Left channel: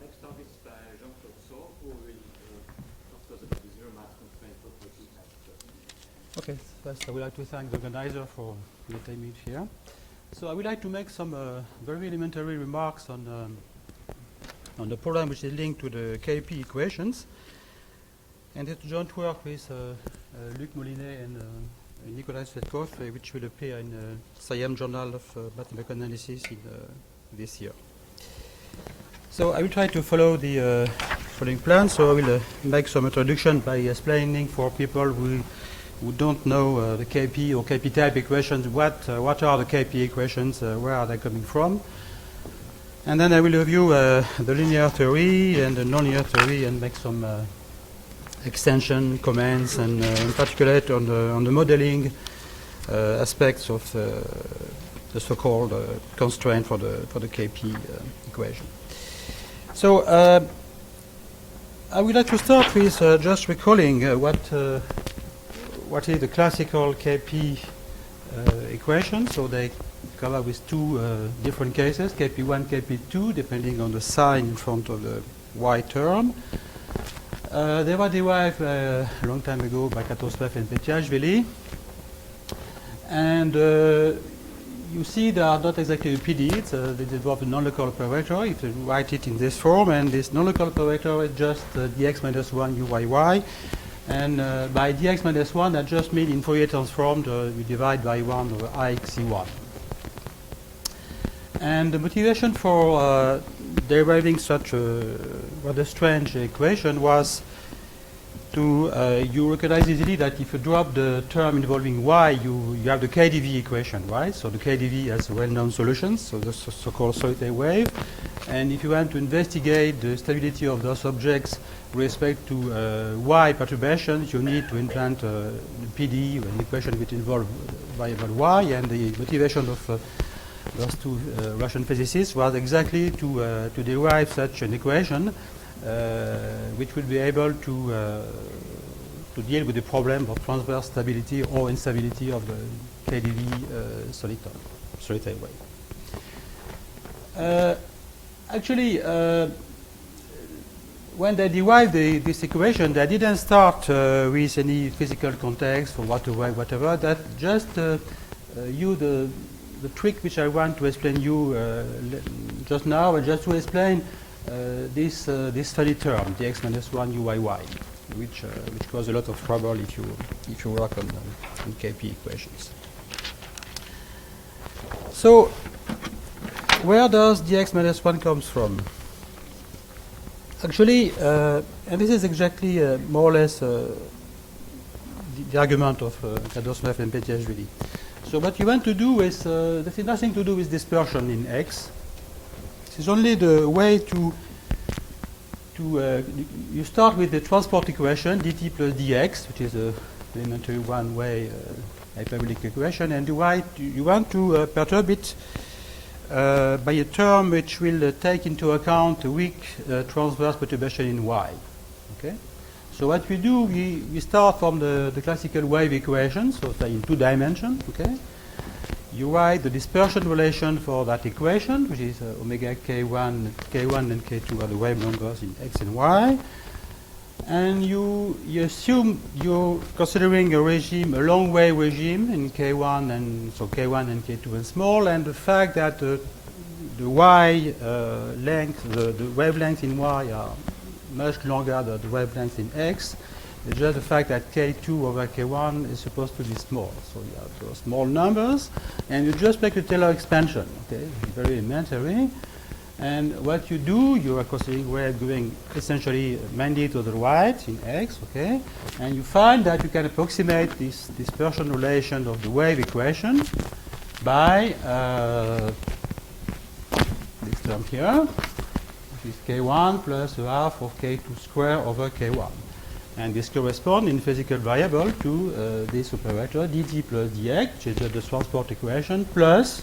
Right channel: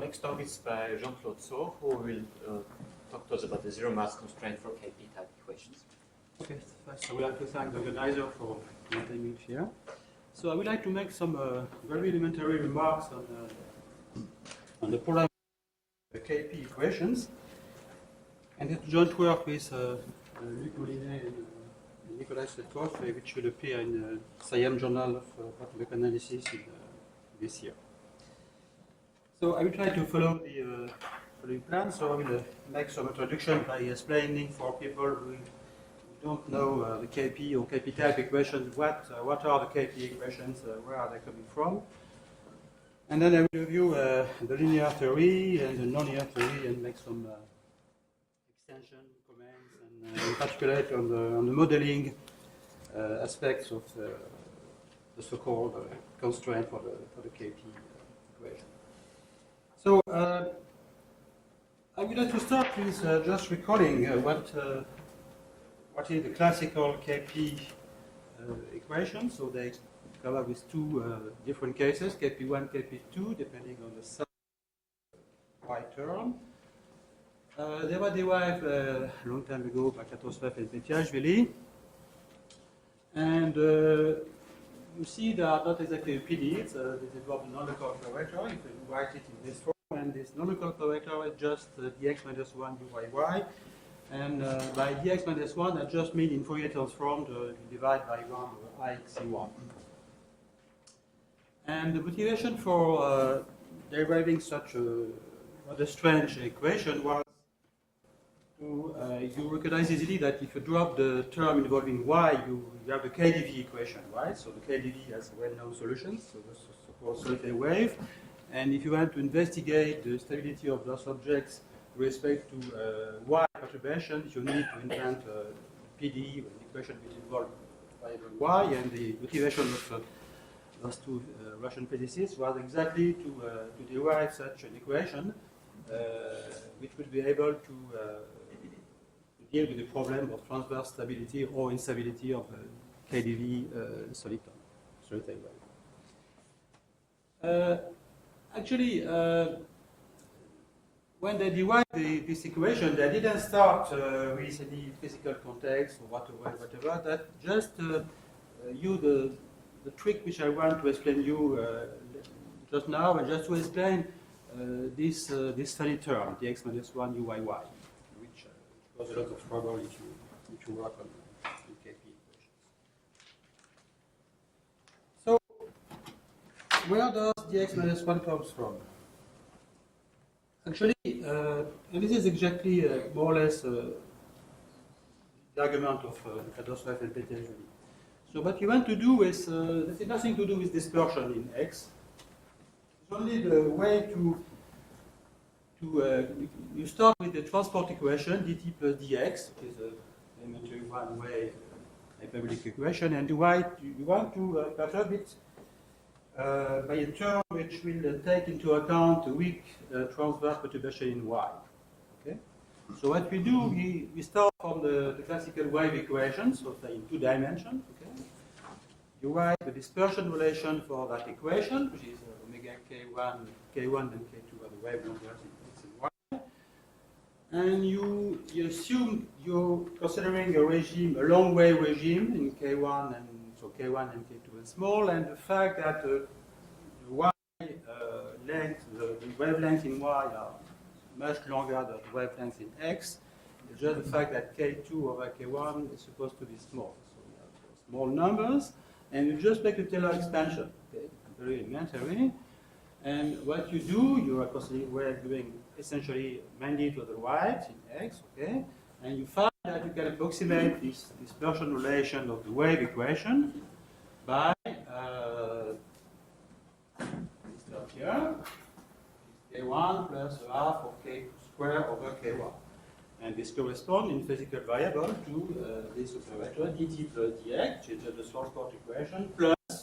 Next talk is by Jean-Claude Saut, who will talk to us about the zero-mass constraint for KP type equations. Okay, first I would like to thank the organizer for letting me here. So I would like to make some very elementary remarks on the problem which is linked to the KP equations. And it's joint work with Luc Molinet and Nicolas Setkov, which will appear in the Science Journal of Mathematical Analysis this year. So I will try to follow the following plan. So I will make some introduction by explaining for people who don't know the KP or KP type equations, what are the KP equations, where are they coming from. And then I will review the linear theory and the nonlinear theory and make some extension comments and articulate on the modeling aspects of the so-called constraint for the KP equation. So I would like to start with just recalling what is the classical KP equation. So they come up with two different cases, KP1, KP2, depending on the sign in front of the y term. They were derived a long time ago by Prof and Petiashvili. And you see they are not exactly PDEs. They involve a non-local operator if you write it in this form, and this non-local operator is just dx minus 1 uyy. And by dx minus 1, that just means in Fourier transform, we divide by 1 over ix(c1). And the motivation for deriving such a rather strange equation was to you recognize easily that if you drop the term involving y, you have the KdV equation, right? So the KdV has well-known solutions, so the so-called solitary wave. And if you want to investigate the stability of those objects with respect to y perturbations, you need to invent a PDE, an equation which involves variable y. And the motivation of those two Russian physicists was exactly to derive such an equation which will be able to deal with the problem of transverse stability or instability of the KdV solitary wave. Actually, when they derived this equation, they didn't start with any physical context or whatever. That just use the trick which I want to explain you just now, and just to explain this funny term, dx minus 1 uyy, which causes a lot of trouble if you work on KP equations. So, where does dx minus 1 comes from? Actually, and this is exactly more or less the argument of Kadoslev and Petiashvili. So what you want to do is, this has nothing to do with dispersion in X. This is only the way to you start with the transport equation, dt plus dx, which is a elementary one-way hyperbolic equation, and you want to perturb it by a term which will take into account a weak transverse perturbation in y. Okay? So what we do, we start from the classical wave equation, so say in 2 dimensions. Okay? You write the dispersion relation for that equation, which is omega k1 and k2 are the wave numbers in x and y. And you assume you're considering a regime, a long wave regime in K1 and so K1 and K2 and small, and the fact that the Y length, the wavelengths in Y are much longer than the wavelengths in X. It's just the fact that K2 over K1 is supposed to be small. So you have those small numbers, and you just make a Taylor expansion, okay, very elementary. And what you do, you are considering wave going essentially mainly to the right in X, okay? And you find that you can approximate this dispersion relation of the wave equation by this term here, which is K1 plus a half of K2 square over K1. And this corresponds in physical variable to this operator, dt plus dx, which is just the transport equation, plus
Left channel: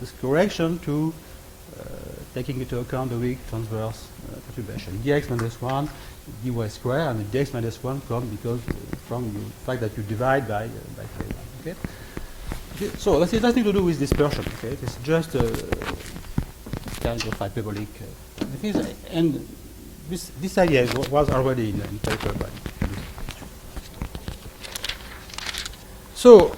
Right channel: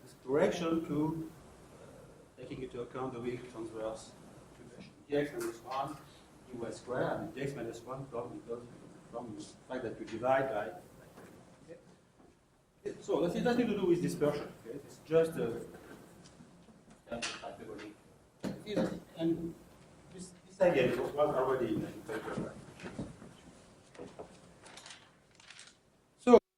this correction to taking into account the weak transverse perturbation. Dx minus 1, dy square, and the dx minus 1 comes because from the fact that you divide by K1. Okay? So that's nothing to do with dispersion. Okay? It's just a kind of hyperbolic. And this idea was already in paper. So,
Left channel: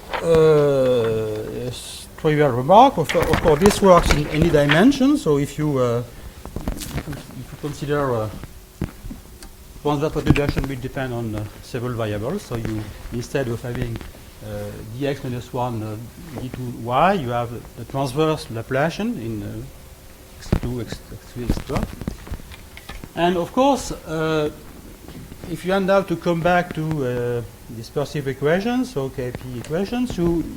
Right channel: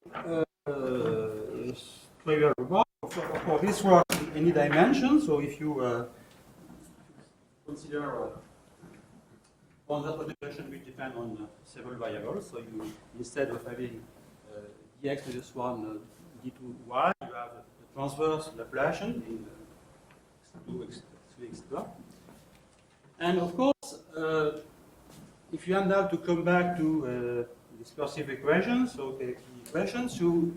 trivial remark. Of course, this works in any dimension. So, if you consider transverse perturbation will depend on several variables. So, you instead of having dx minus 1 d2y, you have the transverse Laplacian in x2, x3, etc. And of course, if you end up to come back to dispersive equations, so KP equations, you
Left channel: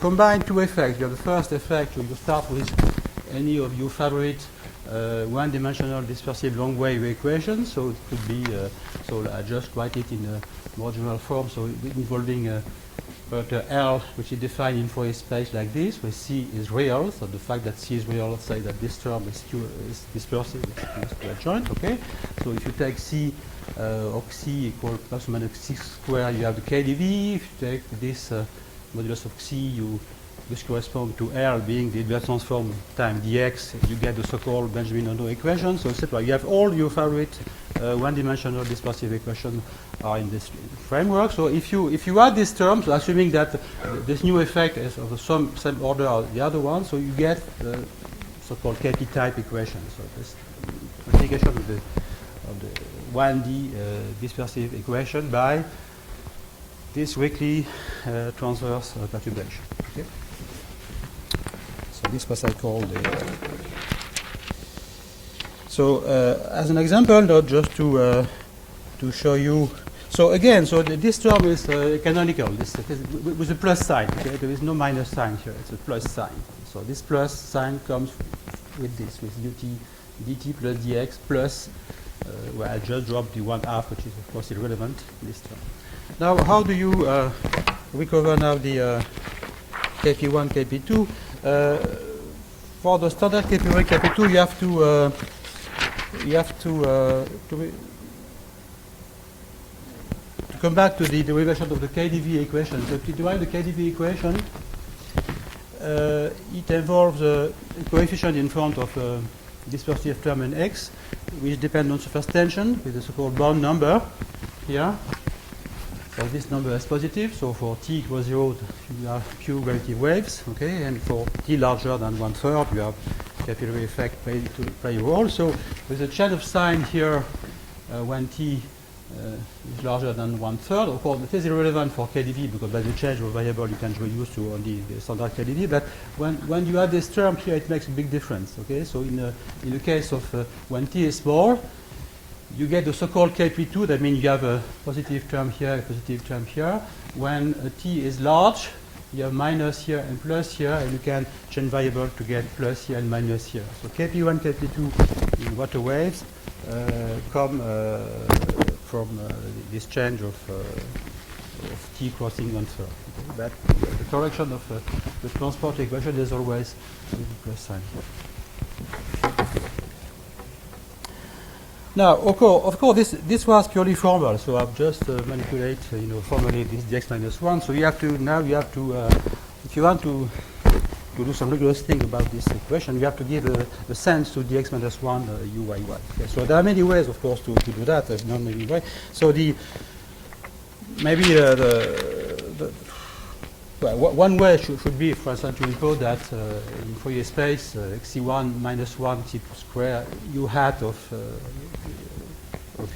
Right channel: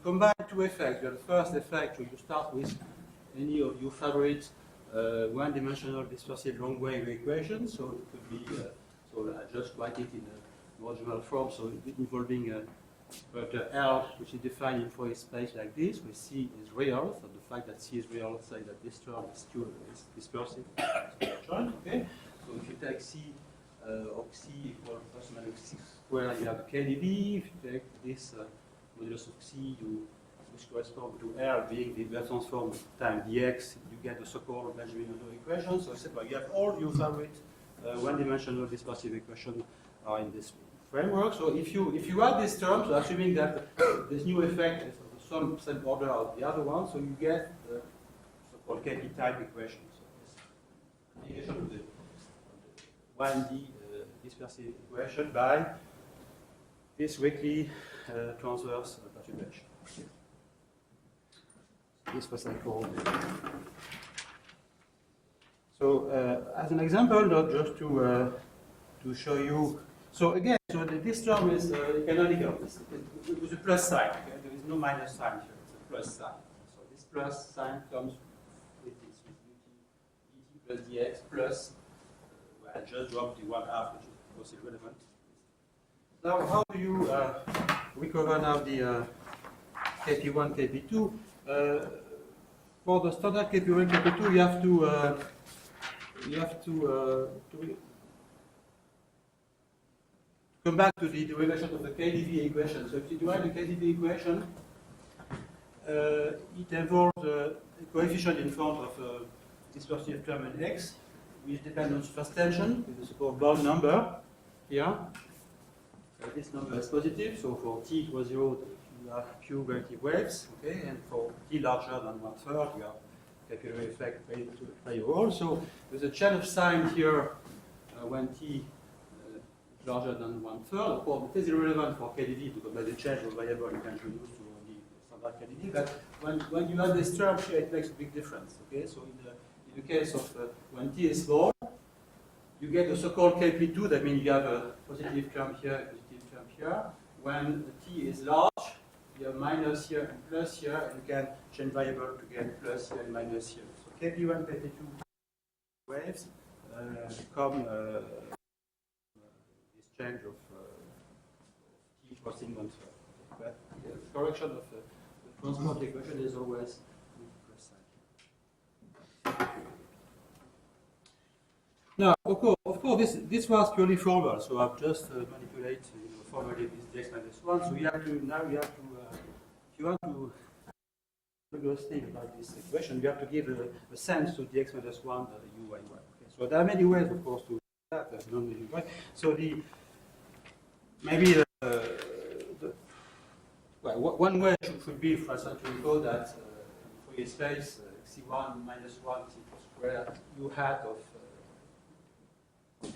combine two effects. You have the first effect, you start with any of your favorite one-dimensional dispersive long wave equations. So it could be, so I just write it in a more general form, so involving vector L, which is defined in Fourier space like this, where C is real. So the fact that C is real, say that this term is dispersive, is joint. Okay. So if you take C of C equal plus or minus 6 squared, you have the KdV. If you take this modulus of C, which corresponds to L being the inverse transform times dx, you get the so-called Benjamin-Landau equation. So etc. You have all your favorite one-dimensional dispersive equations are in this framework. So if you add these terms, assuming that this new effect is of the same order as the other one, so you get the so-called KP type equation. So this multiplication of the 1D dispersive equation by this weakly transverse perturbation. Okay? So this was I called so as an example, just to show you. So again, so this term is canonical. This with a plus sign. Okay? There is no minus sign here. It's a plus sign. So this plus sign comes with this, with dt plus dx plus, where I just dropped the 1/2, which is of course irrelevant in this term. Now, how do you recover now the KP1, KP2? For the standard KP1, KP2, you have to come back to the derivation of the KdV equation. So to derive the KdV equation, it involves a coefficient in front of a dispersive term in X, which depends on surface tension with the so-called Born number here. So this number is positive. So for t equals 0, you have pure relative waves, okay, and for t larger than 1/3, you have capillary effect play a role. So with a change of sign here when t is larger than 1/3. Of course, it is irrelevant for KdV because by the change of variable you can reduce to only the standard KdV. But when you have this term here, it makes a big difference. Okay, so in the case of when t is small, you get the so-called KP2. That means you have a positive term here, a positive term here. When t is large, you have minus here and plus here, and you can change variable to get plus here and minus here. So KP1, KP2 in water waves come from this change of t crossing 1/3. Okay? But the correction of the transport equation is always with the plus sign here. Now, of course, this was purely formal, so I've just manipulated, formally this dx minus 1. So you have to if you want to to do some rigorous thing about this equation, we have to give a sense to dx minus 1 uyy. Okay, so there are many ways, of course, to do that. There's not many ways. So one way should be, for instance, to impose that in Fourier space xc1 minus 1 c square u hat of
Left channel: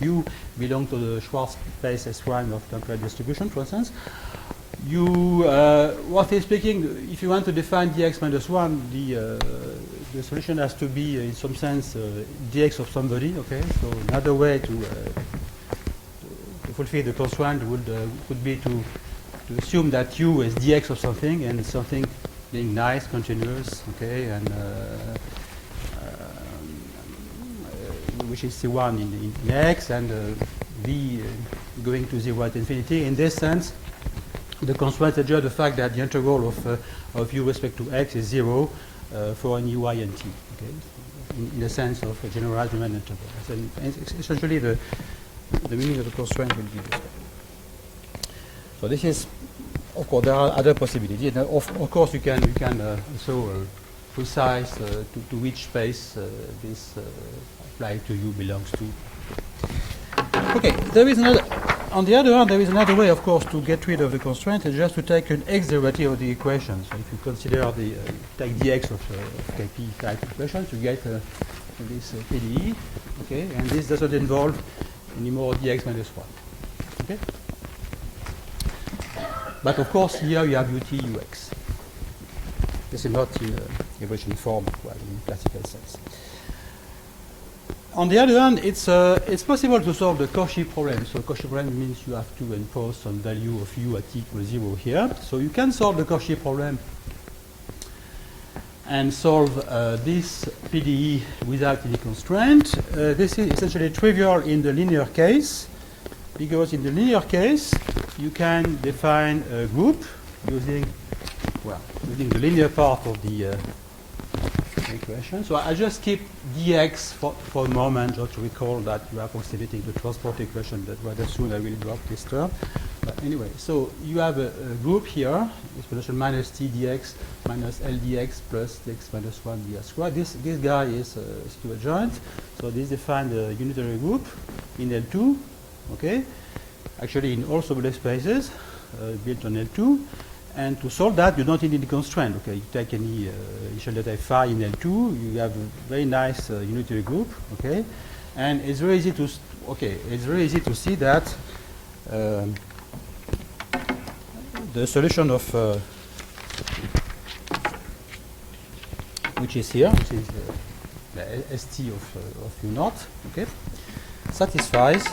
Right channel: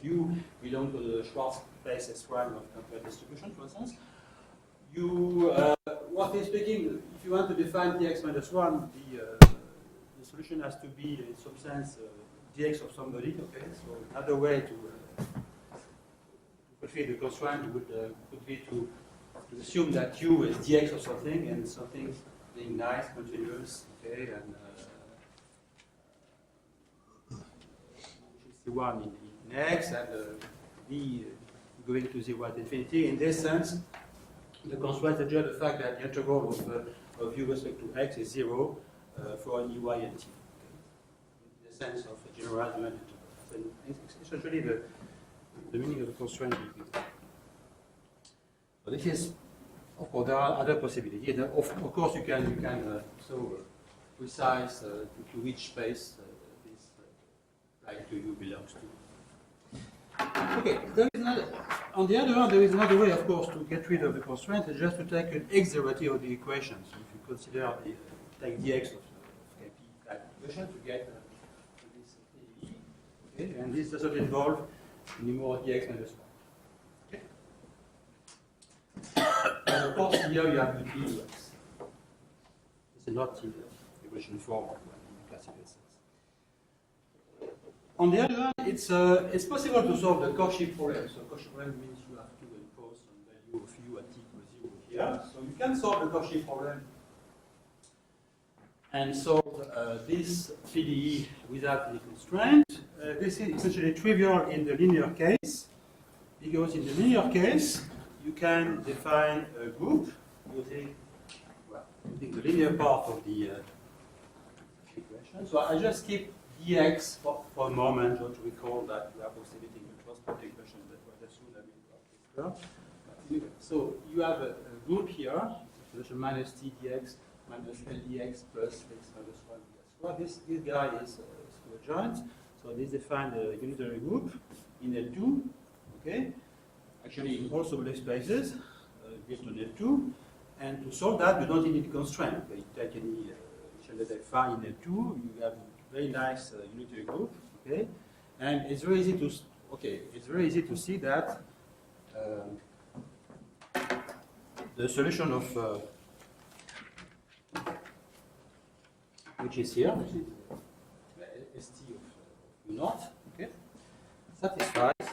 u belong to the Schwarz space S prime of temporal distribution, for instance. Roughly speaking, if you want to define dx minus 1, the solution has to be, in some sense, dx of somebody. Okay, so another way to fulfill the constraint would be to assume that u is dx of something, and something being nice, continuous, okay, and which is C1 in x, and v going to 0 at infinity. In this sense, the constraint is just the fact that the integral of u respect to x is 0 for an uy and t, okay, in the sense of a generalized Riemann integral. So essentially, the meaning of the constraint will be this. So this is, of course, there are other possibilities. And of course, you can also precise to which space this applied to u belongs to. Okay, there is another. On the other hand, there is another way, of course, to get rid of the constraint, is just to take an x derivative of the equation. So if you consider take dx of Kp type equation, you get this PDE, okay, and this doesn't involve any more dx minus 1. Okay? But of course, here you have ut ux. This is not in equation form, well, in classical sense. On the other hand, it's possible to solve the Cauchy problem. So Cauchy problem means you have to impose some value of u at t equals 0 here. So you can solve the Cauchy problem and solve this PDE without any constraint. This is essentially trivial in the linear case, because in the linear case, you can define a group using the linear part of the equation. So I just keep dx for a moment, just to recall that we are approximating the transport equation, that rather soon I will drop this term. But anyway, so you have a group here, expression minus t dx minus l dx plus x minus 1 dx squared. This guy is still adjoint, so this defines a unitary group in L2, okay? Actually in all soluble spaces built on L2. And to solve that, you don't need any constraint. Okay, you take any initial data phi in L2, you have a very nice unitary group. Okay, and it's very easy to see that the solution of which is here, which is the st of u naught. Okay, satisfies.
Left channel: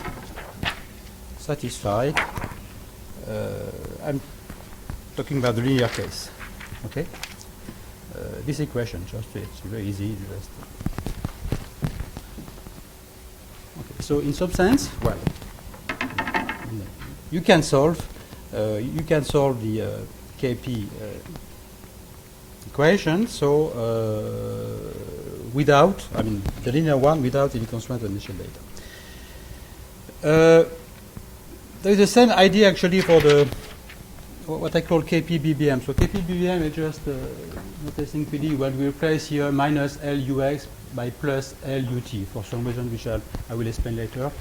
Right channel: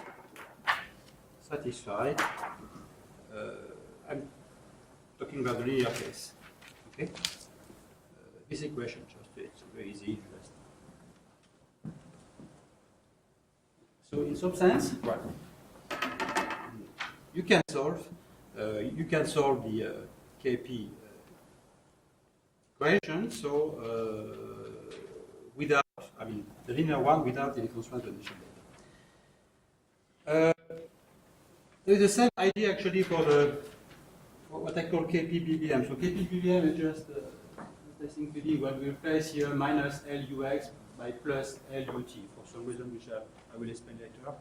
I'm talking about the linear case, okay? This equation, it's very easy. Okay, so in some sense, well, you can solve the Kp equation. So the linear one without any constraint of initial data. There is the same idea actually for what I call Kp-BBM. So Kp-BBM is just noticing PD when we replace here minus Lux by plus Lut for some reason which I will explain later.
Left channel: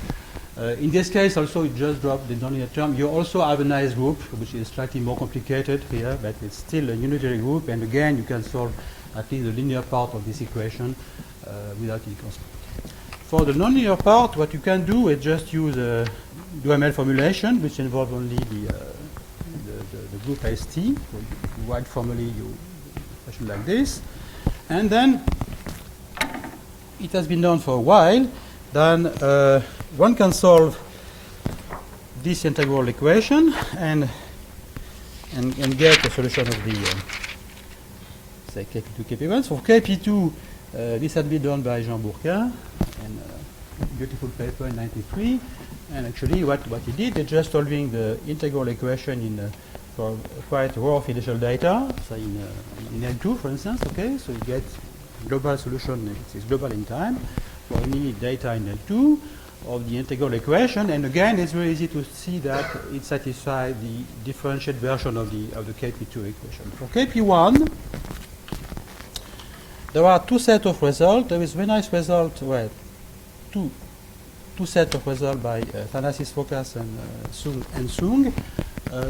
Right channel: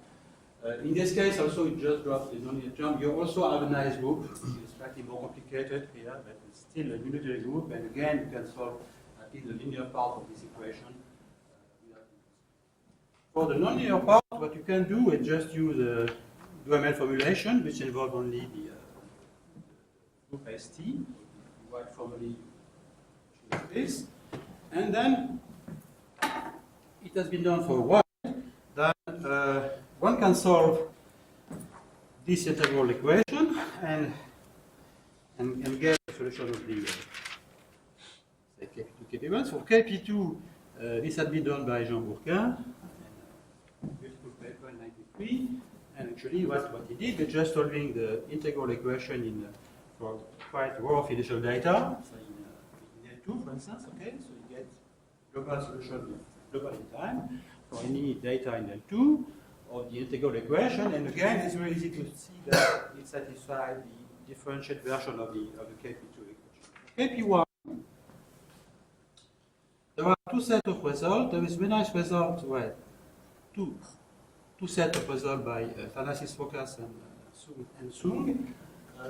In this case also you just drop the nonlinear term. You also have a nice group which is slightly more complicated here, but it's still a unitary group, and again you can solve at least the linear part of this equation without any constraint. For the nonlinear part, what you can do is just use a UML formulation which involves only the group ST. So you write formally you expression like this, and then it has been done for a while. Then one can solve this integral equation and get a solution of the say Kp2 Kp1. For Kp2, this had been done by Jean Bourquin in a beautiful paper in '93. And actually, what he did is just solving the integral equation for quite rough initial data, say in L2, for instance. Okay, so you get global solution. It's global in time for any data in L2 of the integral equation. And again, it's very easy to see that it satisfies the differentiated version of the Kp2 equation. For Kp1, there are two sets of results. There is very nice result, well, two sets of results by Thanasis Focas and Sung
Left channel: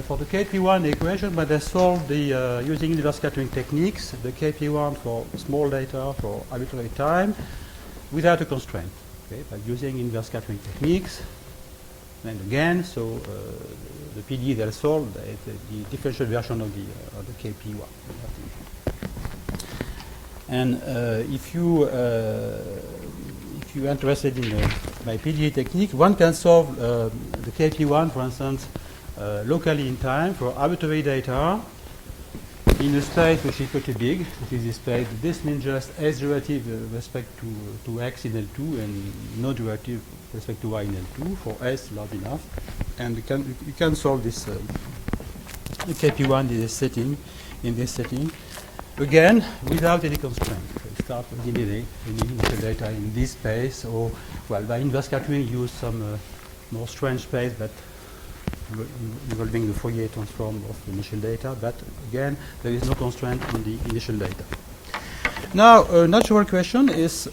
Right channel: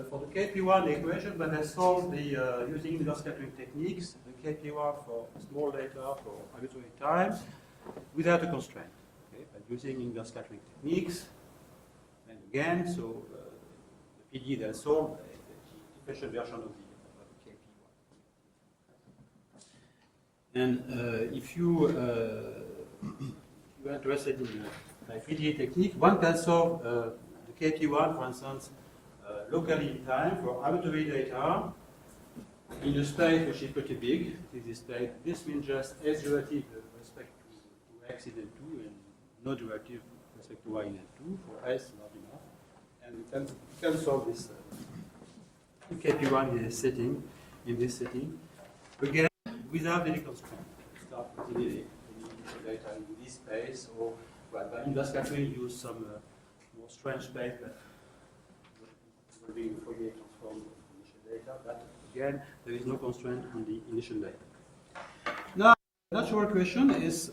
for the KP1 equation, but they solved the using inverse scattering techniques, the KP1 for small data for arbitrary time without a constraint, okay, by using inverse scattering techniques. And again, so the PD they solved the differential version of the KP1. And if you're interested in my PDE technique, one can solve the KP1, for instance, locally in time for arbitrary data in a space which is pretty big, which is this space. This means just S derivative with respect to X in L2 and no derivative with respect to Y in L2 for S large enough. And you can solve this KP1 in this setting, again without any constraint. So start with the initial data in this space, or well, by inverse scattering use some more strange space, but involving the Fourier transform of the initial data. But again, there is no constraint on the initial data. Now, a natural question is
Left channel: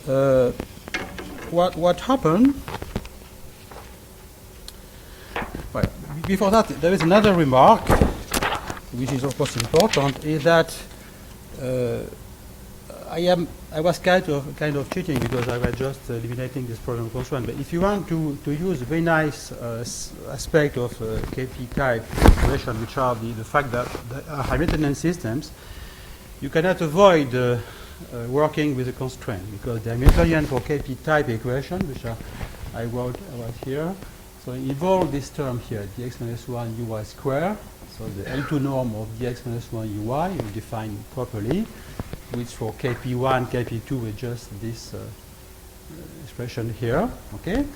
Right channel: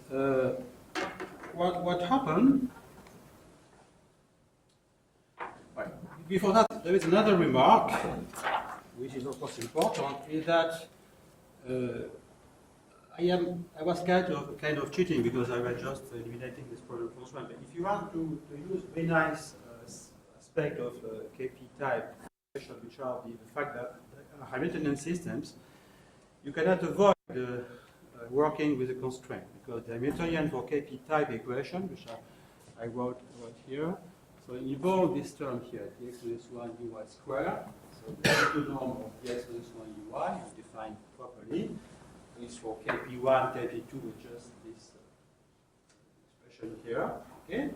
what happened? Well, before that, there is another remark, which is of course important, is that I was kind of cheating because I was just eliminating this problem constraint. But if you want to use a very nice aspect of KP type equation, which are the fact that there are Hamiltonian systems, you cannot avoid working with a constraint, because the Hamiltonian for KP type equation, which I wrote here, so involve this term here, dx minus 1 uy square. So the L2 norm of dx minus 1 uy is defined properly, which for KP1, KP2 is just this expression here, okay?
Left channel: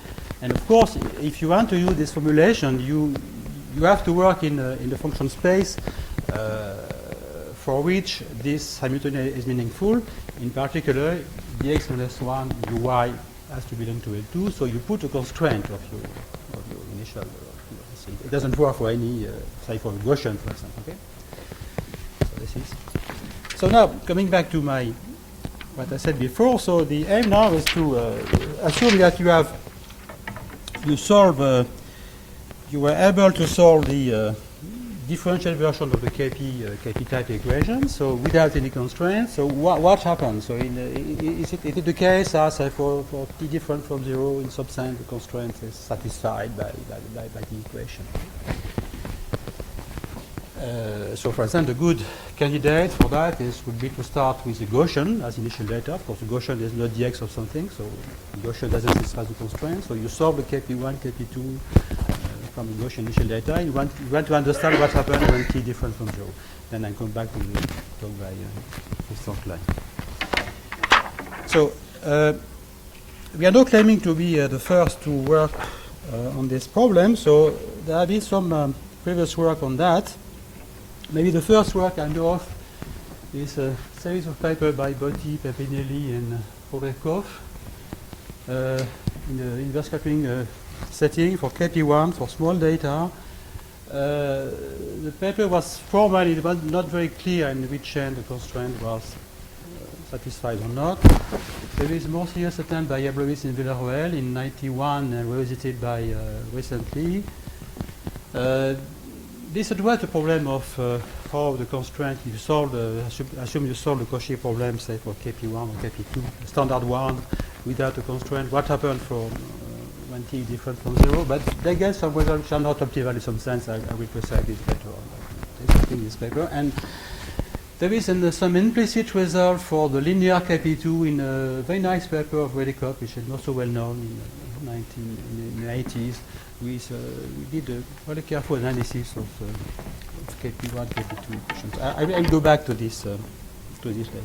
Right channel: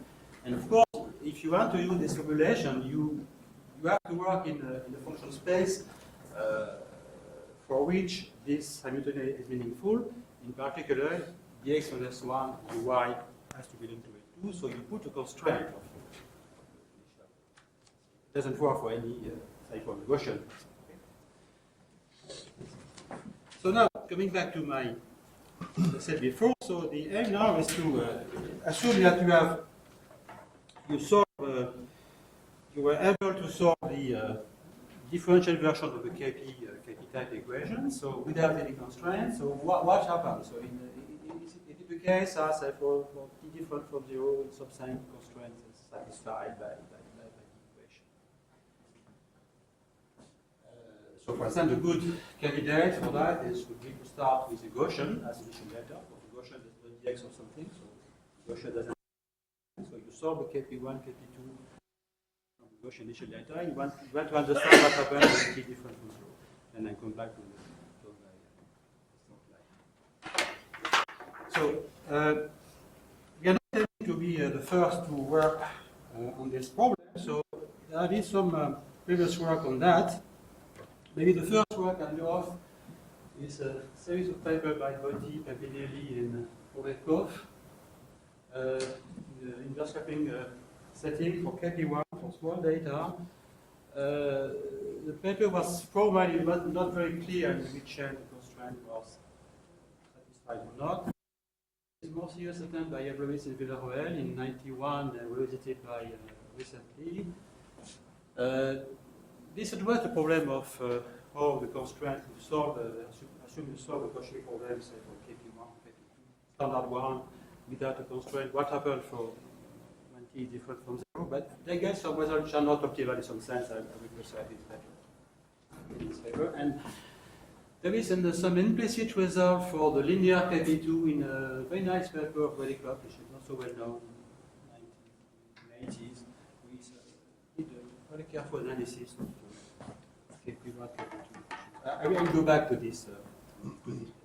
And of course, if you want to use this formulation, you have to work in the function space for which this Hamiltonian is meaningful. In particular, dx minus 1 uy has to belong to L2, so you put a constraint of your initial. It doesn't work for any say for Gaussian, for example, okay? So this is. So now, coming back to what I said before, so the aim now is to assume that you were able to solve the differential version of the KP type equation, so without any constraints. So what happens? So is it the case as for t different from 0 in some sense the constraint is satisfied by the equation? So for example, a good candidate for that would be to start with the Gaussian as initial data. Of course, the Gaussian is not dx of something, so the Gaussian doesn't satisfy the constraint. So you solve the KP1, KP2 from the Gaussian initial data. You want to understand what happened when t different from 0. Then I come back to the talk by Saclay. So we are not claiming to be the first to work on this problem. So there have been some previous work on that. Maybe the first work I know of is a series of papers by Botti, Pepinelli, and Podrekov in the inverse scattering setting for KP1 for small data. The paper was formal, it was not very clear in which end the constraint was satisfied or not. There is more serious attempt by Yablowitz and Villarroel in 91 and revisited by recently. This addressed the problem of how the constraint you solve, assume you solve the Cauchy problem, say for KP1 or KP2, standard one, without a constraint. What happened from when t is different from 0? But they get some results which are not optimal in some sense. I will prescribe this later on in this paper. And there is some implicit result for the linear KP2 in a very nice paper of Redekop, which is not so well known in the 80s. We did a very careful analysis of KP1, KP2 equations. I will go back to this later.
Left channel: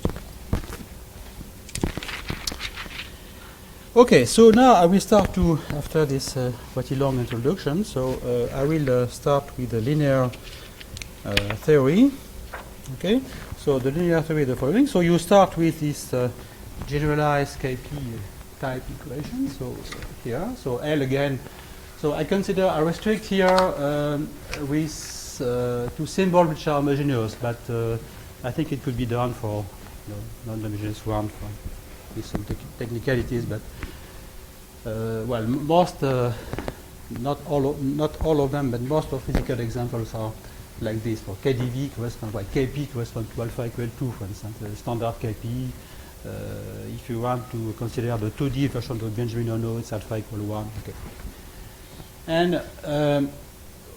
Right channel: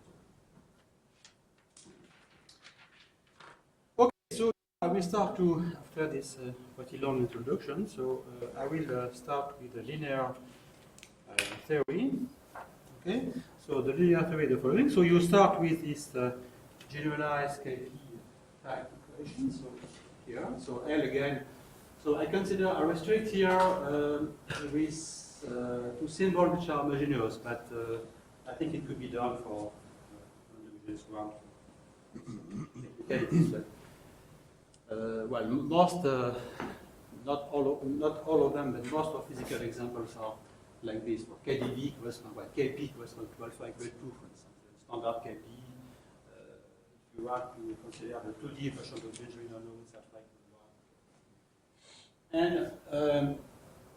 Okay, so now I will start to, after this pretty long introduction, so I will start with the linear theory. Okay, so the linear theory is the following. So you start with this generalized KP type equation. So here, so L again. So I restrict here with two symbols which are homogeneous, but I think it could be done for non-homogeneous one with some technicalities, but well, most, not all of them, but most of physical examples are like this. For KdV corresponds, well, Kp corresponds to alpha equal 2, for instance, the standard Kp. If you want to consider the 2D version of Benjamin Ono, it's alpha equal 1. Okay. And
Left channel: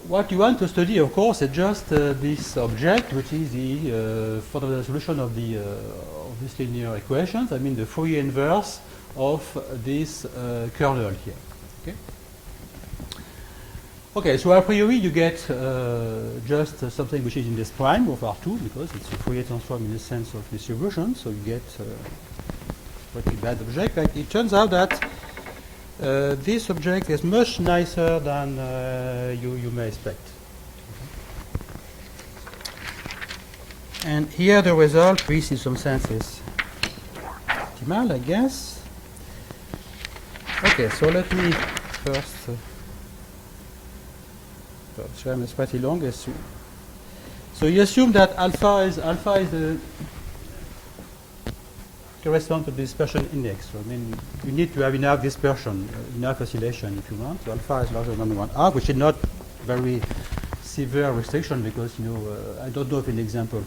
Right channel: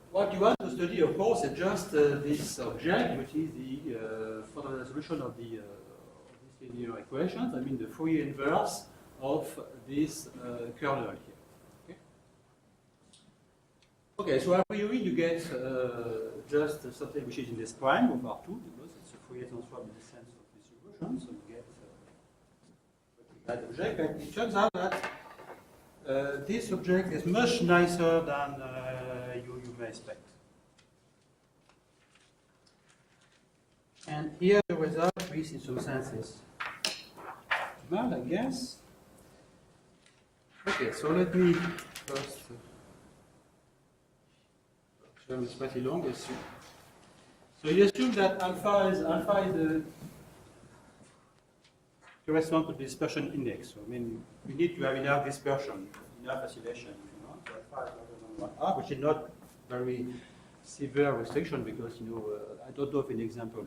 what you want to study, of course, is just this object, which is the fundamental solution of this linear equations. I mean, the Fourier inverse of this kernel here. Okay. Okay, so a priori you get just something which is in this prime of R2 because it's a Fourier transform in the sense of distribution, so you get a pretty bad object. But it turns out that this object is much nicer than you may expect. And here the result, which in some sense is optimal, I guess. Okay, so let me first. So it's pretty long. So you assume that alpha is the correspond to the dispersion index. So I mean, you need to have enough dispersion, enough oscillation if you want. So alpha is larger than 1R, which is not very severe restriction because I don't know of an example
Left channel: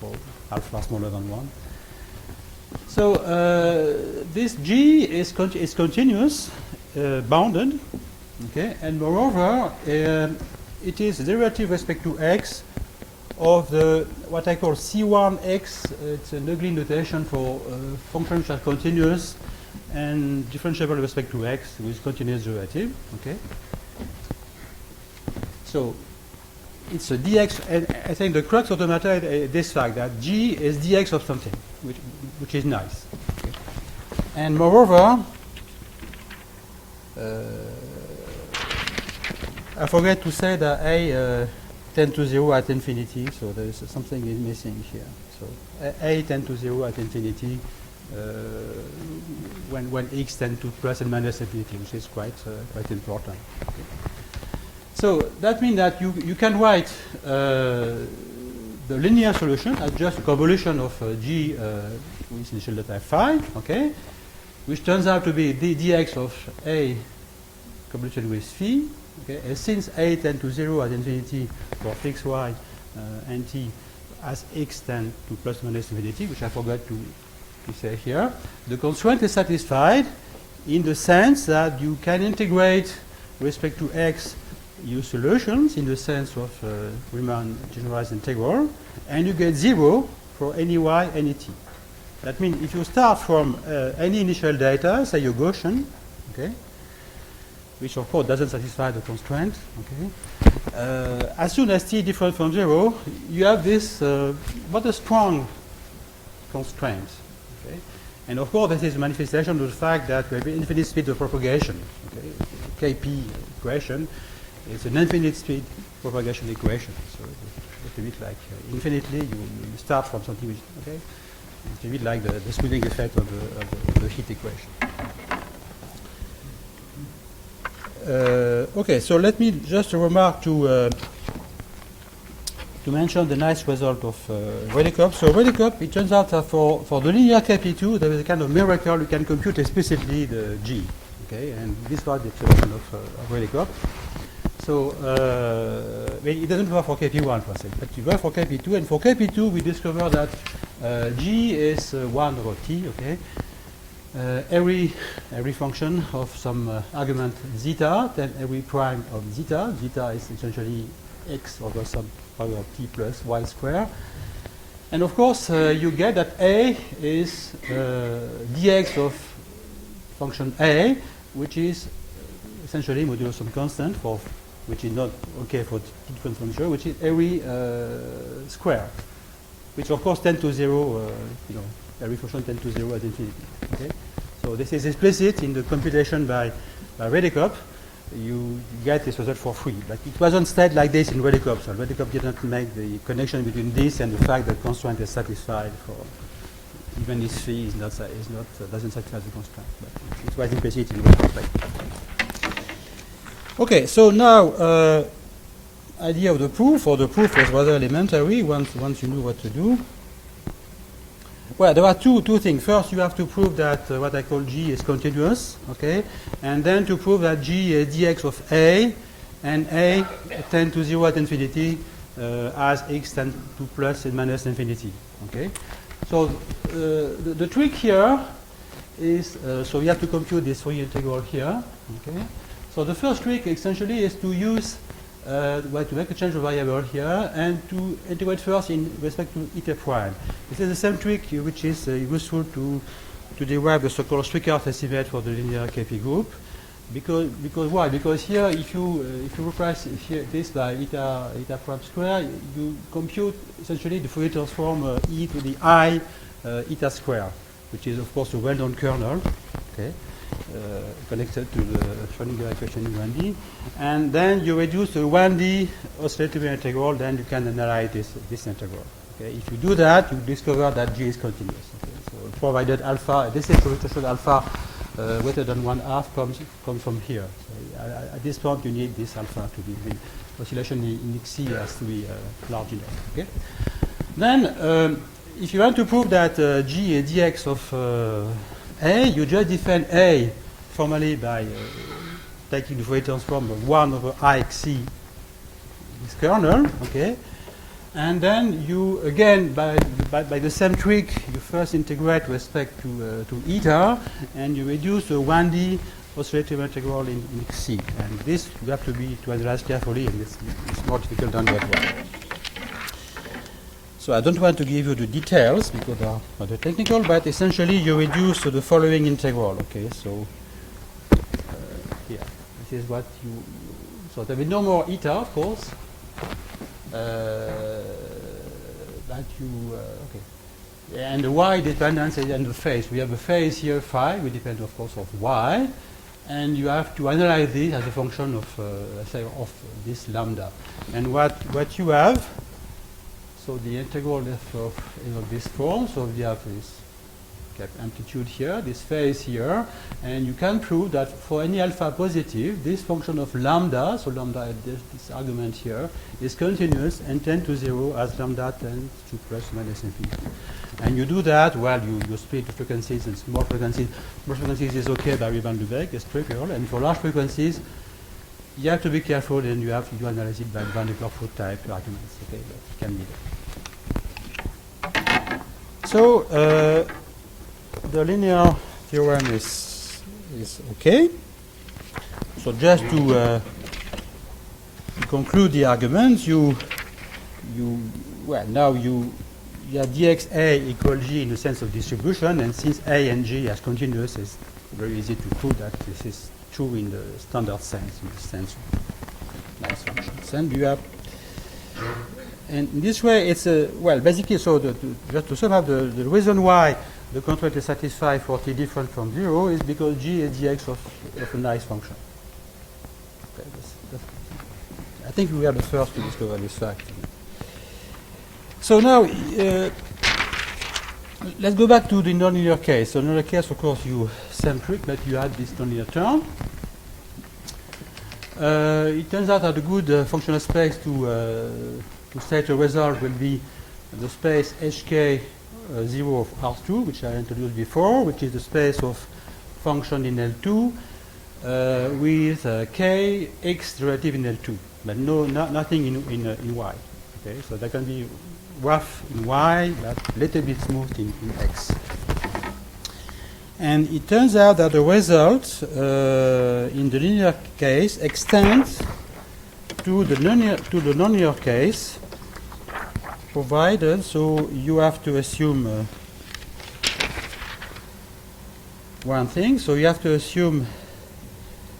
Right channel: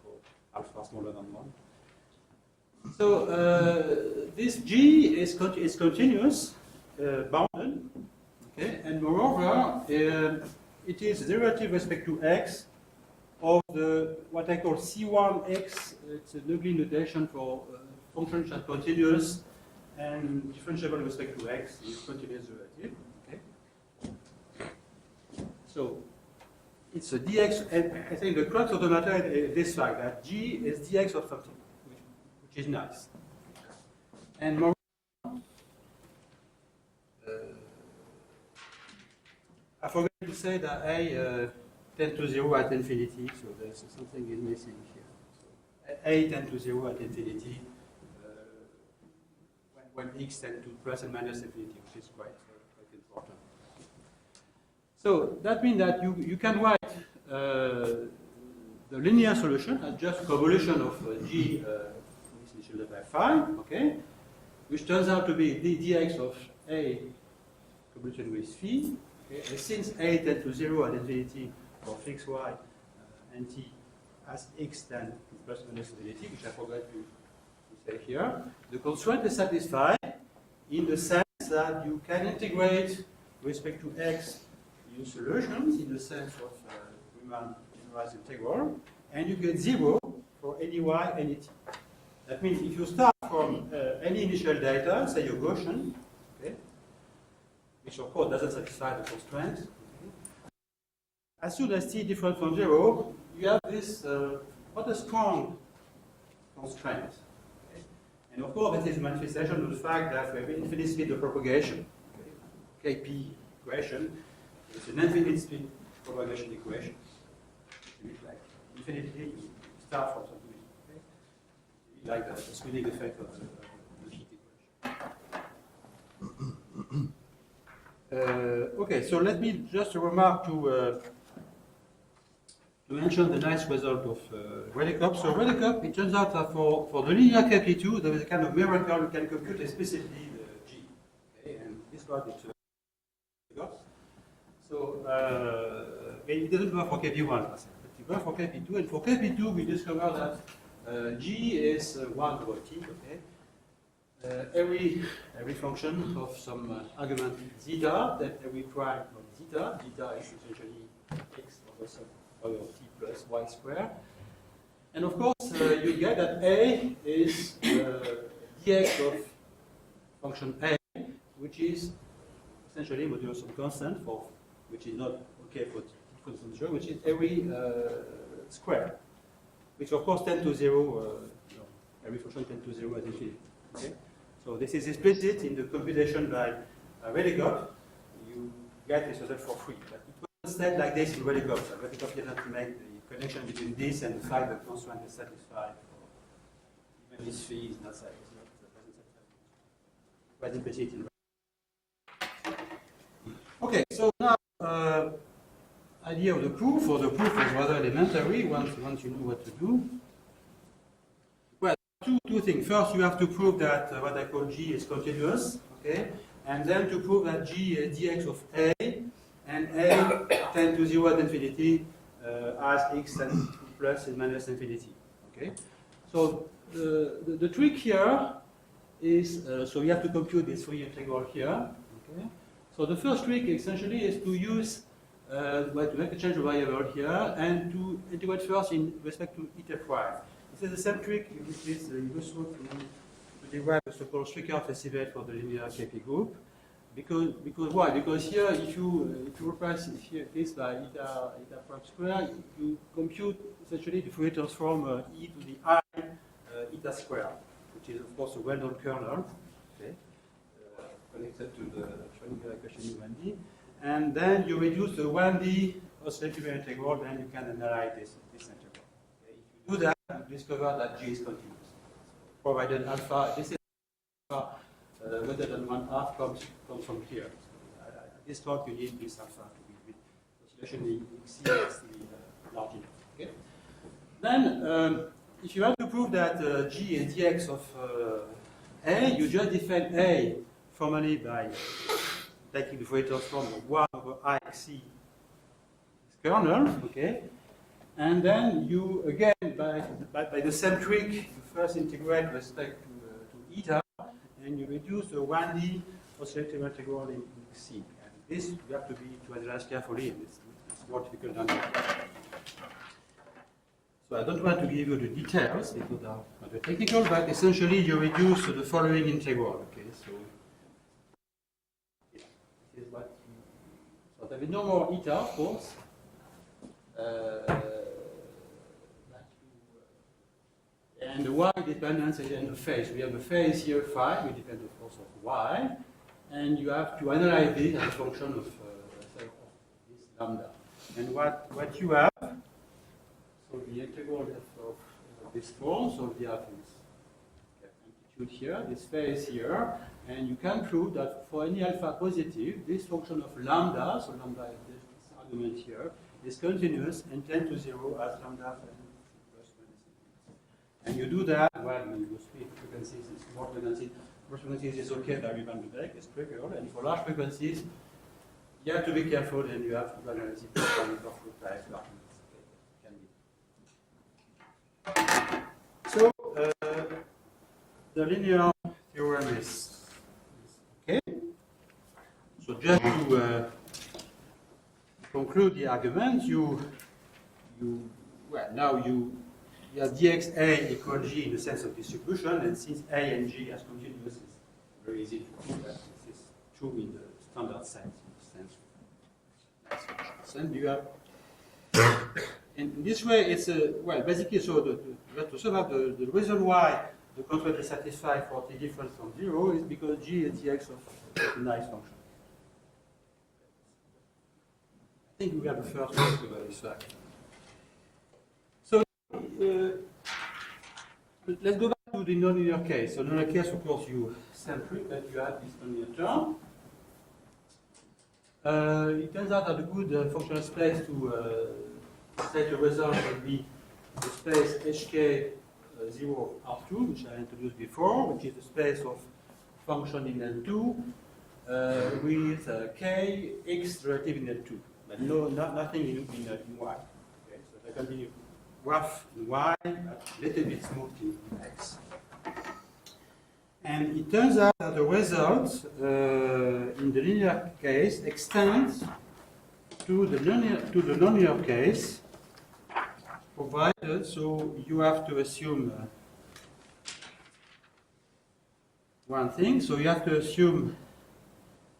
for alpha smaller than 1. So this G is continuous, bounded, okay, and moreover, it is derivative with respect to x of the what I call C1x. It's an ugly notation for functions that are continuous and differentiable with respect to x with continuous derivative. Okay. So it's a dx, and I think the crux of the matter is this fact that G is dx of something, which is nice. Okay. And moreover, I forget to say that A tends to 0 at infinity, so there is something is missing here. So A tends to 0 at infinity when x tends to plus and minus infinity, which is quite important. Okay. So that means that you can write the linear solution as just a convolution of G with initial data 5, okay, which turns out to be the dx of A convoluted with phi. Okay, and since A tends to 0 at infinity for x, y, and t, as x tends to plus minus infinity, which I forgot to say here, the constraint is satisfied in the sense that you can integrate with respect to x your solutions in the sense of Riemann generalized integral, and you get 0 for any y, any t. That means if you start from any initial data, say your Gaussian, okay, which of course doesn't satisfy the constraint, okay, as soon as t different from 0, you have this rather strong constraint. Okay? And of course, that is a manifestation of the fact that we have infinite speed of propagation. Okay? Kp equation is an infinite speed propagation equation. So it's a bit like infinitely, you start from something which, okay, it's a bit like the smoothing effect of the heat equation. Okay, so let me just remark to mention the nice result of Redekop. So Redekop, it turns out that for the linear Kp2, there is a kind of miracle. You can compute explicitly the G. Okay, and this was the solution of Redekop. So it doesn't work for Kp1 per se, but it works for Kp2. And for Kp2, we discover that G is 1 over t. Okay. Every function of some argument zeta, then every prime of zeta. Zeta is essentially x over some power of t plus y square. And of course, you get that A is dx of function A, which is essentially modulo some constant for which is not okay for different function, which is every square, which of course tends to 0. Every function tends to 0 at infinity. Okay? So this is explicit in the computation by Redekop. You get this result for free, but it wasn't said like this in Redekop. So Redekop did not make the connection between this and the fact that constraint is satisfied for even if phi doesn't satisfy the constraint. But it was implicit in Redekop. Okay, so now idea of the proof, or the proof is rather elementary once you know what to do. Well, there are two things. First, you have to prove that what I call G is continuous, okay? And then to prove that G is dx of A, and A tend to 0 at infinity as x tend to plus and minus infinity, okay? So the trick here is, so we have to compute this Fourier integral here, okay? So the first trick essentially is to use, to make a change of variable here and to integrate first in respect to eta prime. This is the same trick which is useful to derive the so-called Strickart estimate for the linear KP group. Because why? Because here, if you replace here this by eta prime square, you compute essentially the Fourier transform e to the I eta square, which is of course a well-known kernel, okay, connected to the Schrödinger equation in 1D, and then you reduce the 1D oscillatory integral, then you can analyze this integral. Okay, if you do that, you discover that G is continuous. Okay, so provided alpha, this is potential alpha greater than 1/2 comes from here. So at this point, you need this alpha to be, oscillation in XC has to be large enough. Okay, then if you want to prove that G is dx of A, you just define A formally by taking the Fourier transform of 1 over IXC, this kernel, okay? And then you, again, by the same trick, you first integrate with respect to eta, and you reduce the 1D oscillator integral in XC. And this you have to analyze carefully, and it's more difficult than that one. So I don't want to give you the details because they are rather technical, but essentially you reduce to the following integral. Okay, so yeah, this is what you. So there will be no more eta, of course, but you okay. And the y dependence is in the phase. We have a phase here phi, which depends, of course, of y, and you have to analyze this as a function of say of this lambda. And what you have. So the integral is of this form. So we have this amplitude here, this phase here, and you can prove that for any alpha positive, this function of lambda, so lambda at this argument here, is continuous and tend to 0 as lambda tends to plus minus infinity. And you do that, well, you split the frequencies and small frequencies. Small frequencies is okay by Riemann Lebesgue, it's trivial, and for large frequencies, you have to be careful, and you have to do analysis by Van de Kerkhove type arguments. Okay, that can be done. So the linear theorem is okay. So just to conclude the argument, you have dxa equal g in the sense of distribution, and since A and G are continuous, it's very easy to prove that this is true in the standard sense, in the sense of nice functions. And you have. And in this way, it's basically, so just to sum up, the reason why the constraint is satisfied for t different from 0 is because G is dx of a nice function. Okay, I think we are the first to discover this fact. So now, let's go back to the nonlinear case. So nonlinear case, of course, you same trick, but you add this nonlinear term. It turns out that a good functional space to state a result will be the space HK 0 of R2, which I introduced before, which is the space of function in L2 with k x derivative in L2, but nothing in Y. Okay, so that can be rough in Y, but a little bit smooth in X. And it turns out that the result in the linear case extends to the nonlinear case, provided, so you have to assume one thing. So you have to assume,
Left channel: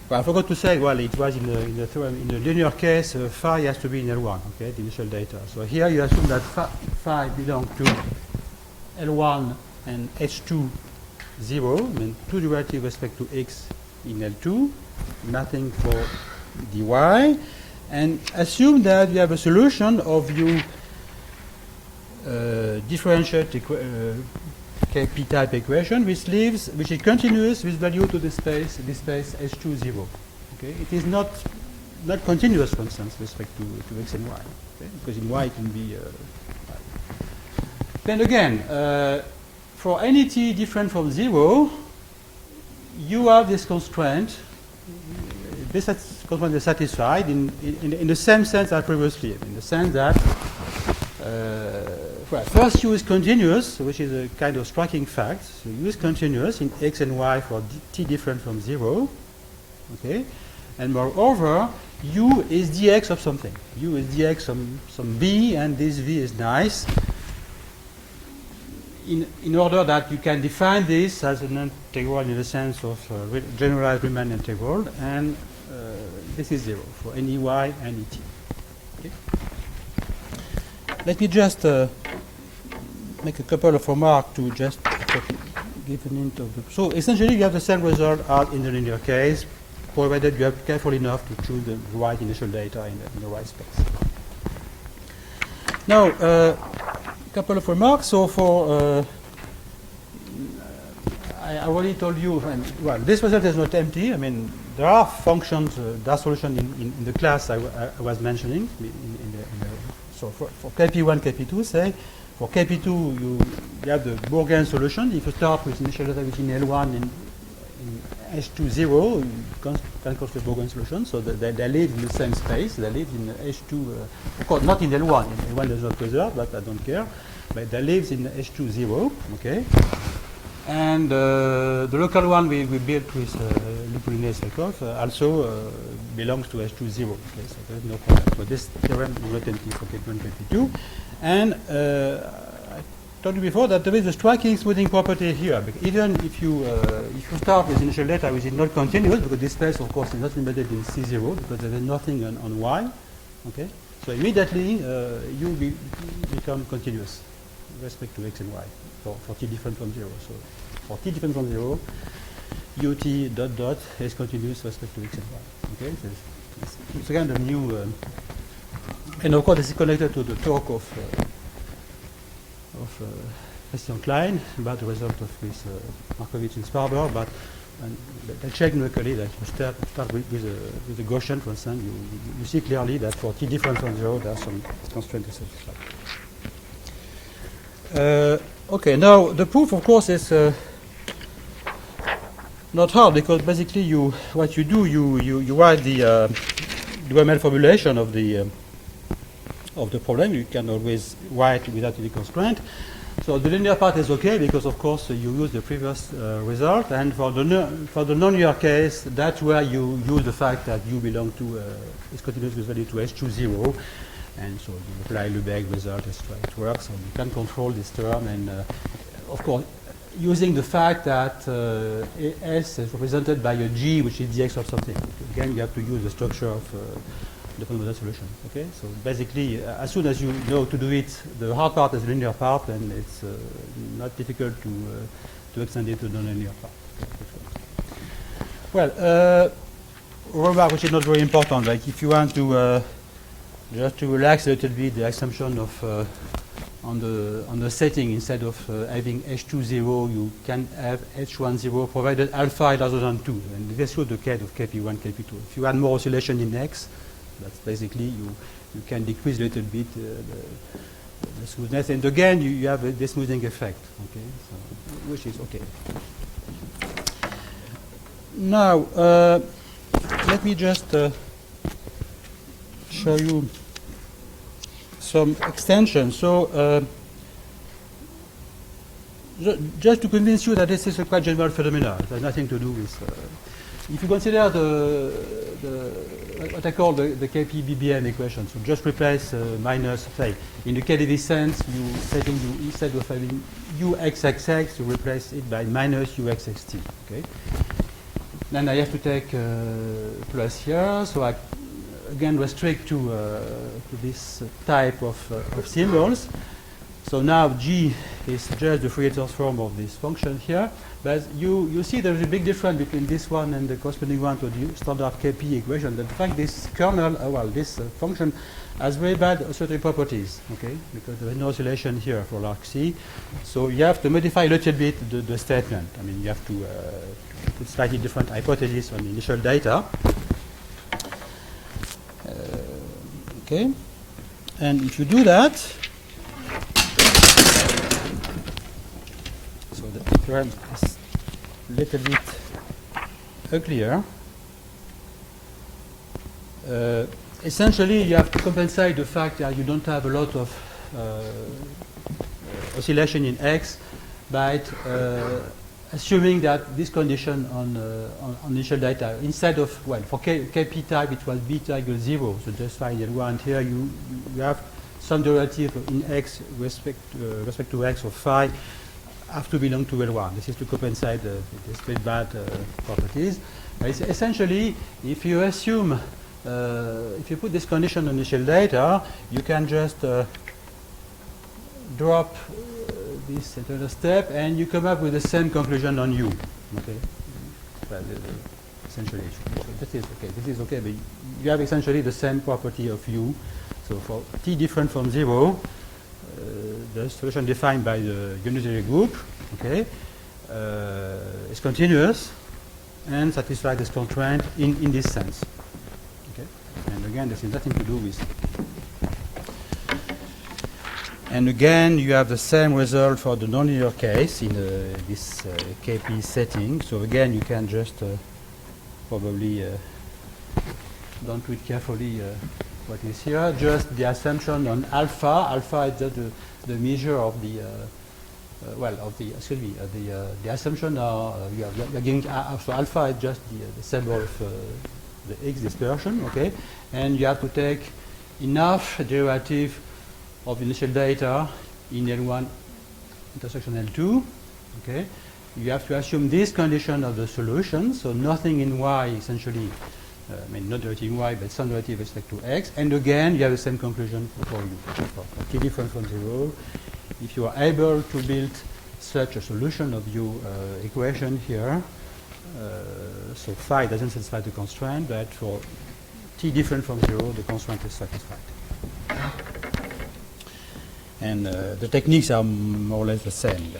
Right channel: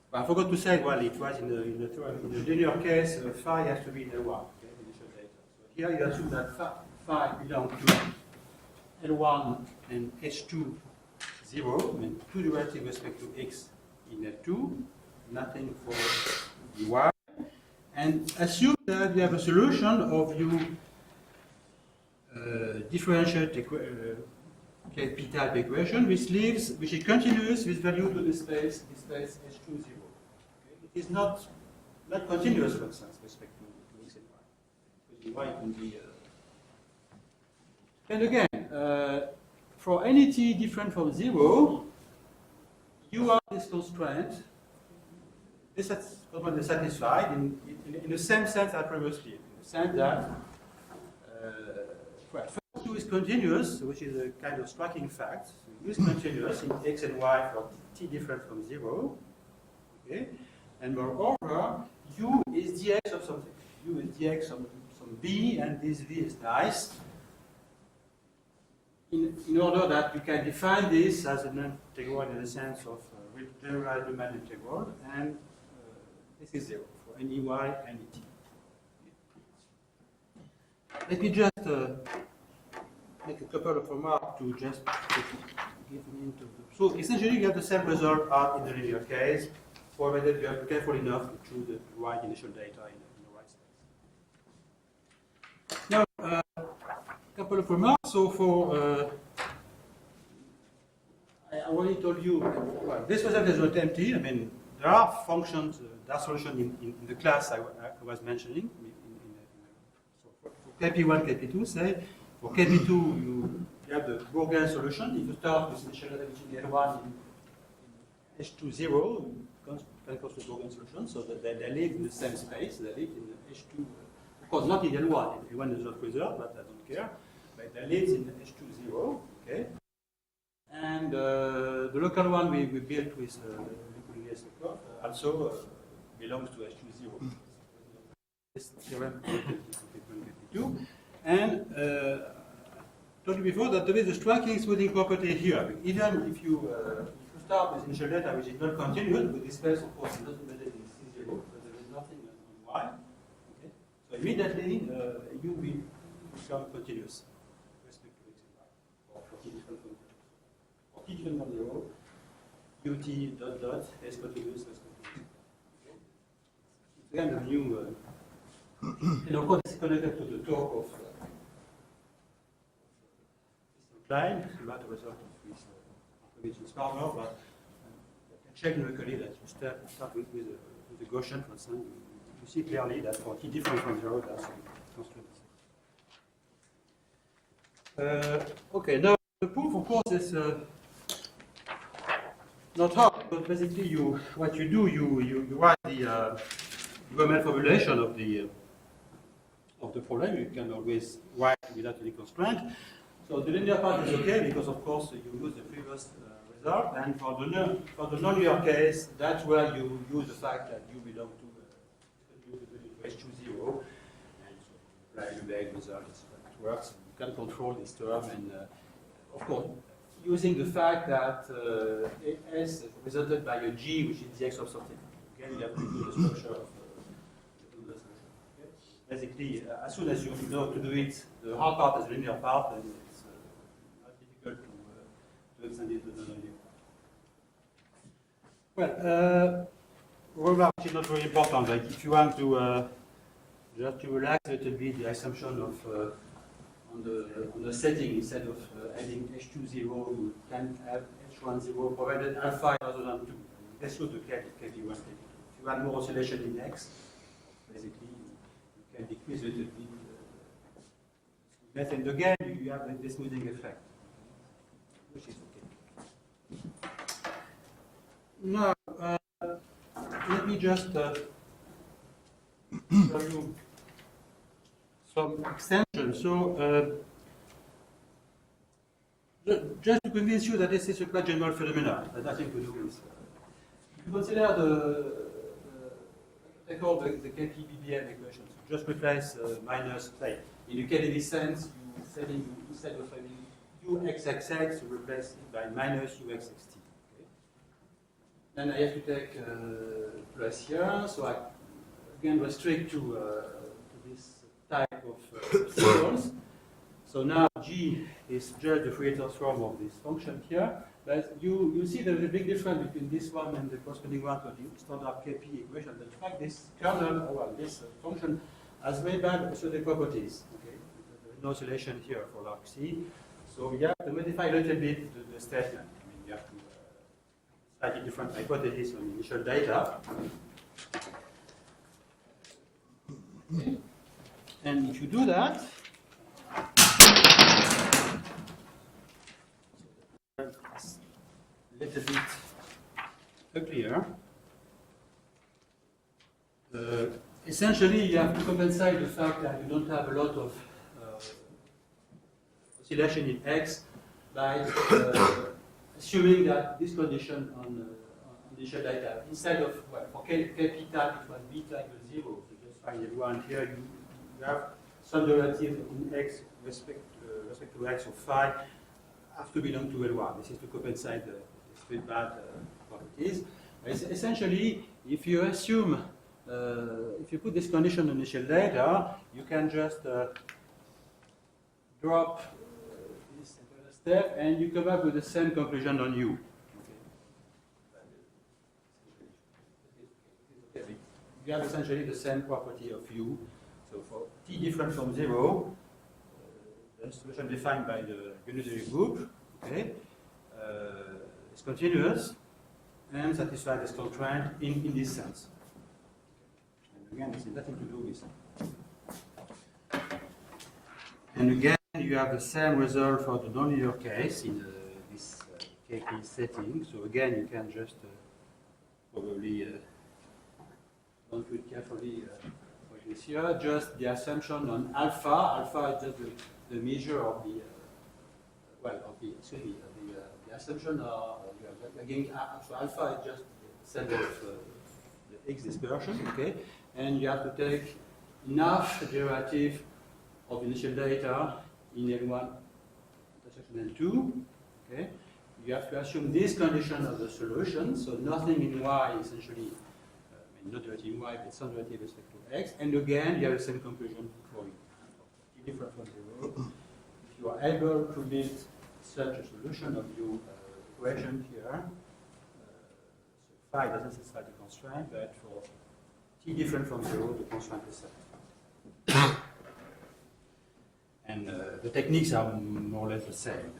well, I forgot to say, well, it was in the linear case, phi has to be in L1, okay, the initial data. So here you assume that phi belongs to L1 and H2 0, I mean 2 derivative with respect to x in L2, nothing for dy, and assume that we have a solution of you differential KP type equation which is continuous with value to this space H2 0. Okay, it is not continuous, for instance, with respect to x and y. Okay? Because in y it can be. Then again. for any t different from 0, you have this constraint. This constraint is satisfied in the same sense as previously, in the sense that well, first u is continuous, which is a kind of striking fact. So u is continuous in x and y for t different from 0. Okay, and moreover, u is dx of something. U is dx some b, and this v is nice. In order that you can define this as an integral in the sense of generalized Riemann integral, and this is 0 for any y, any t. Okay. Let me just make a couple of remarks to just give an hint of the. So essentially, you have the same result as in the linear case, provided you are careful enough to choose the right initial data in the right space. Now, a couple of remarks. So for I already told you, well, this result is not empty. I mean, there are functions, there are solutions in the class I was mentioning. So for KP1, KP2, say, for KP2, you have the Bourgain solution. If you start with initial data within L1 in H2, 0, you can construct Bourgain solution. So they live in the same space. They live in H2, of course, not in L1. L1 is not preserved, but I don't care. But they live in H2, 0, okay? And the local one we built with Lupulines-Lekov also belongs to H2, 0. Okay, so there's no problem. So this theorem is not empty for KP1, KP2. And I told you before that there is a striking smoothing property here. Even if you start with initial data which is not continuous, because this space, of course, is not embedded in C0 because there is nothing on Y. Okay, so immediately you become continuous with respect to X and Y for t different from 0. So for t different from 0, ut dot dot is continuous with respect to X and Y. Okay, so it's kind of new. And of course, this is connected to the talk of Christian Klein about the result of this Markovitch and Sparber. But they check numerically that you start with the Gaussian constant. You see clearly that for t different from 0, there are some constraints to satisfy. Okay, now the proof, of course, is not hard because basically what you do, you write the UML formulation of the problem. You can always write without any constraint. So the linear part is okay because, of course, you use the previous result. And for the non-linear case, that's where you use the fact that u belong to is continuous with value to H2, 0. And so you apply Lebesgue result, it works, and you can control this term. And of course, using the fact that S is represented by a G, which is dx of something. Again, you have to use the structure of the fundamental solution. Okay, so basically, as soon as you know to do it, the hard part is the linear part, and it's not difficult to extend it to the non-linear part. Well, remark which is not very important. Like if you want to just to relax a little bit the assumption of on the setting, instead of having H2, 0, you can have H1, 0 provided alpha is larger than 2. And this was the case of KP1, KP2. If you add more oscillation in X, that's basically you can decrease a little bit the smoothness. And again, you have the smoothing effect, okay? So, which is okay. Now, let me just show you some extensions. So, just to convince you that this is a quite general phenomenon, it has nothing to do with. If you consider what I call the KP-BBM equation, so just replace minus, say, in the KdV sense, instead of having uxxx, you replace it by minus uxxt. Okay. Then I have to take plus here, so I again restrict to this type of symbols. So now G is just the Fourier transform of this function here. But you see there is a big difference between this one and the corresponding one to the standard KP equation. In fact, this kernel, this function has very bad certain properties, okay? Because there is no oscillation here for large C. So you have to modify a little bit the statement. I mean, you have to put slightly different hypotheses on the initial data. Okay, and if you do that, so so the theorem is a little bit uglier. Essentially, you have to compensate the fact that you don't have a lot of oscillation in X by assuming that this condition on initial data, instead of, well, for Kp type it was beta equals 0, so just find L1, and here you have some derivative in X respect to X of phi have to belong to L1. This is to compensate these very bad properties. Essentially, if you assume, if you put this condition on initial data, you can just drop this entire step, and you come up with the same conclusion on U. Okay, well, essentially, this is okay. This is okay, but you have essentially the same property of U. So for t different from 0, the solution defined by the unitary group, okay, is continuous and satisfies this constraint in this sense. Okay, and again, this has nothing to do with. And again, you have the same result for the nonlinear case in this Kp setting. So again, you can just probably don't read carefully what is here. Just the assumption on alpha. Alpha is just the measure of the the assumption are you are giving so alpha is just the symbol of the X dispersion. Okay, and you have to take enough derivative of initial data in L1 intersection L2, okay? You have to assume this condition of the solution, so nothing in Y essentially, I mean not derivative in Y, but some derivative with respect to X, and again you have the same conclusion for U. For t different from 0, if you are able to build such a solution of U equation here, so phi doesn't satisfy the constraint, but for t different from 0, the constraint is satisfied. And the techniques are more or less the same.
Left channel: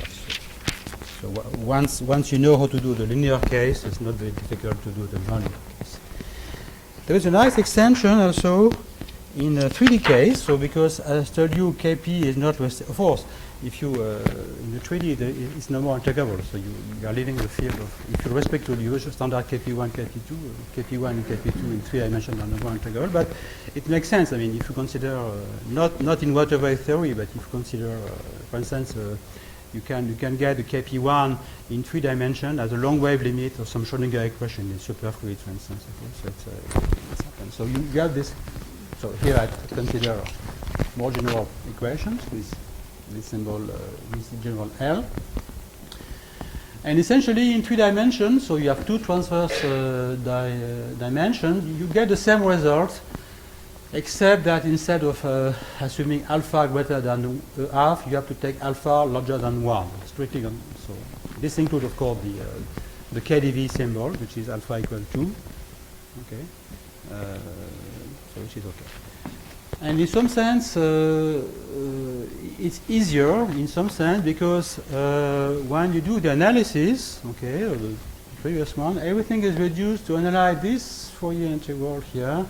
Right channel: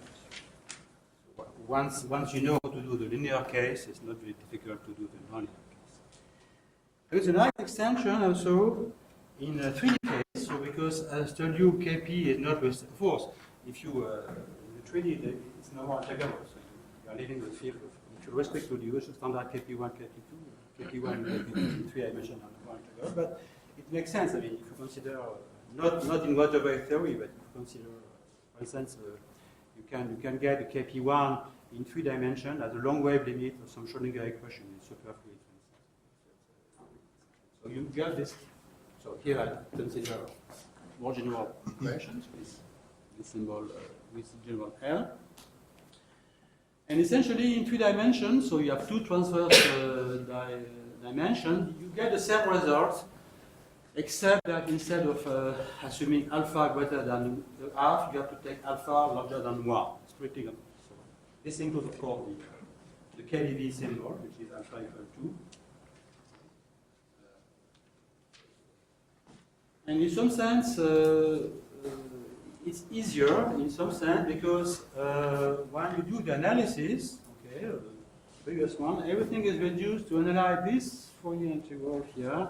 So once you know how to do the linear case, it's not very difficult to do the nonlinear case. There is a nice extension also in a 3D case. So because as I told you, Kp is not, of course, if you in the 3D it's no more integrable. So you are leaving the field of, if you respect to the usual standard Kp1, Kp2, Kp1 and Kp2 in 3 dimensions are no more integrable. But it makes sense. I mean, if you consider not in water wave theory, but if you consider, for instance, you can get the Kp1 in 3 dimensions as a long wave limit of some Schrödinger equation in superfluid, for instance. Okay, so it's happened. So you have this. So here I consider more general equations with this symbol, with general L. And essentially in 3 dimensions, so you have 2 transverse dimensions, you get the same result, except that instead of assuming alpha greater than half, you have to take alpha larger than 1. Strictly, so this includes, of course, the KdV symbol, which is alpha equal 2. Okay, so which is okay. And in some sense, it's easier in some sense because when you do the analysis, okay, of the previous one, everything is reduced to analyze this Fourier integral here,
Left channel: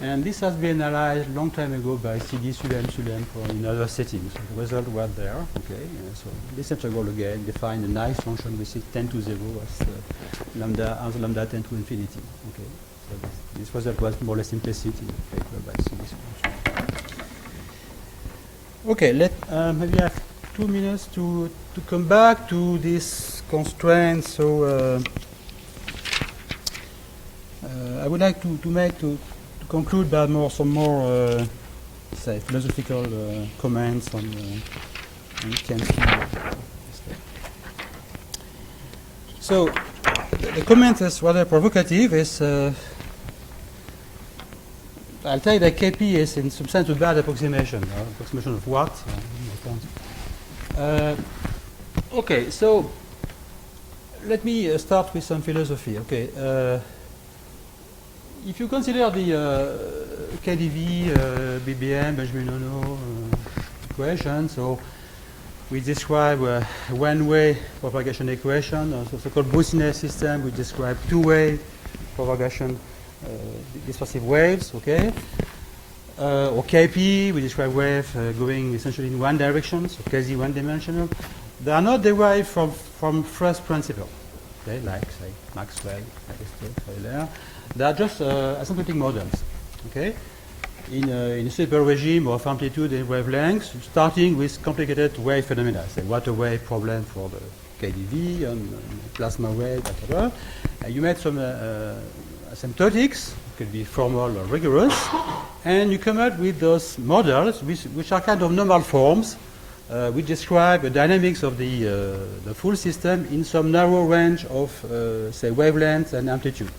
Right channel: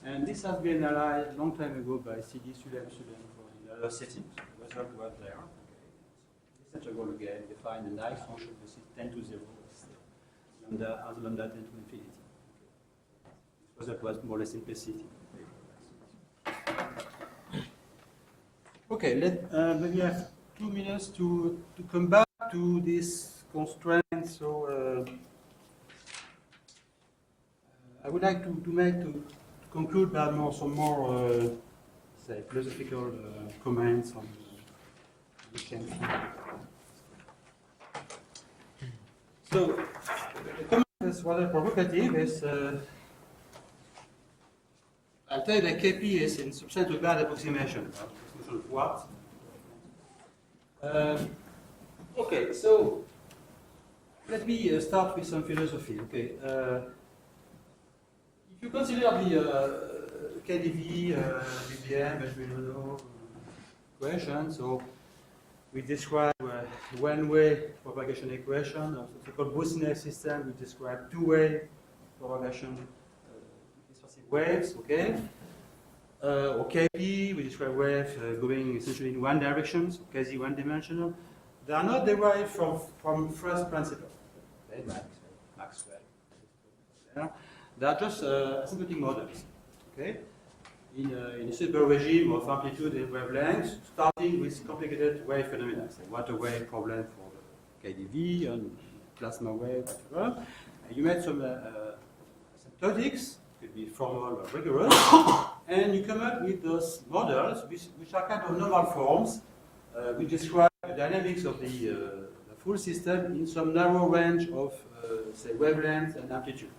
and this has been analyzed long time ago by CD Sulem for in other settings. So the result was there, okay. So this integral again defines a nice function which is 10 to 0 as lambda 10 to infinity. Okay, so this result was more or less implicit in the paper by CD Sulem. Okay, maybe I have 2 minutes to come back to this constraint. So I would like to conclude by some more say philosophical comments on Kensky. So the comment is rather provocative. Is I'll tell you that Kp is in some sense a bad approximation. Approximation of what? Okay, so let me start with some philosophy. Okay, if you consider the KdV, BBM, Bejminono equation, so we describe one-way propagation equation, so so-called Boussinet system. We describe two-way propagation. Dispersive waves, okay, or Kp, we describe wave going essentially in one direction, so quasi one-dimensional. they are not derived from first principle, okay, like say Maxwell, Euler. They are just asymptotic models, okay, in a simple regime of amplitude and wavelengths, starting with complicated wave phenomena, say water wave problem for the KdV and plasma wave, etc. You made some asymptotics, could be formal or rigorous, and you come up with those models which are kind of normal forms, which describe the dynamics of the full system in some narrow range of, say, wavelengths and amplitude.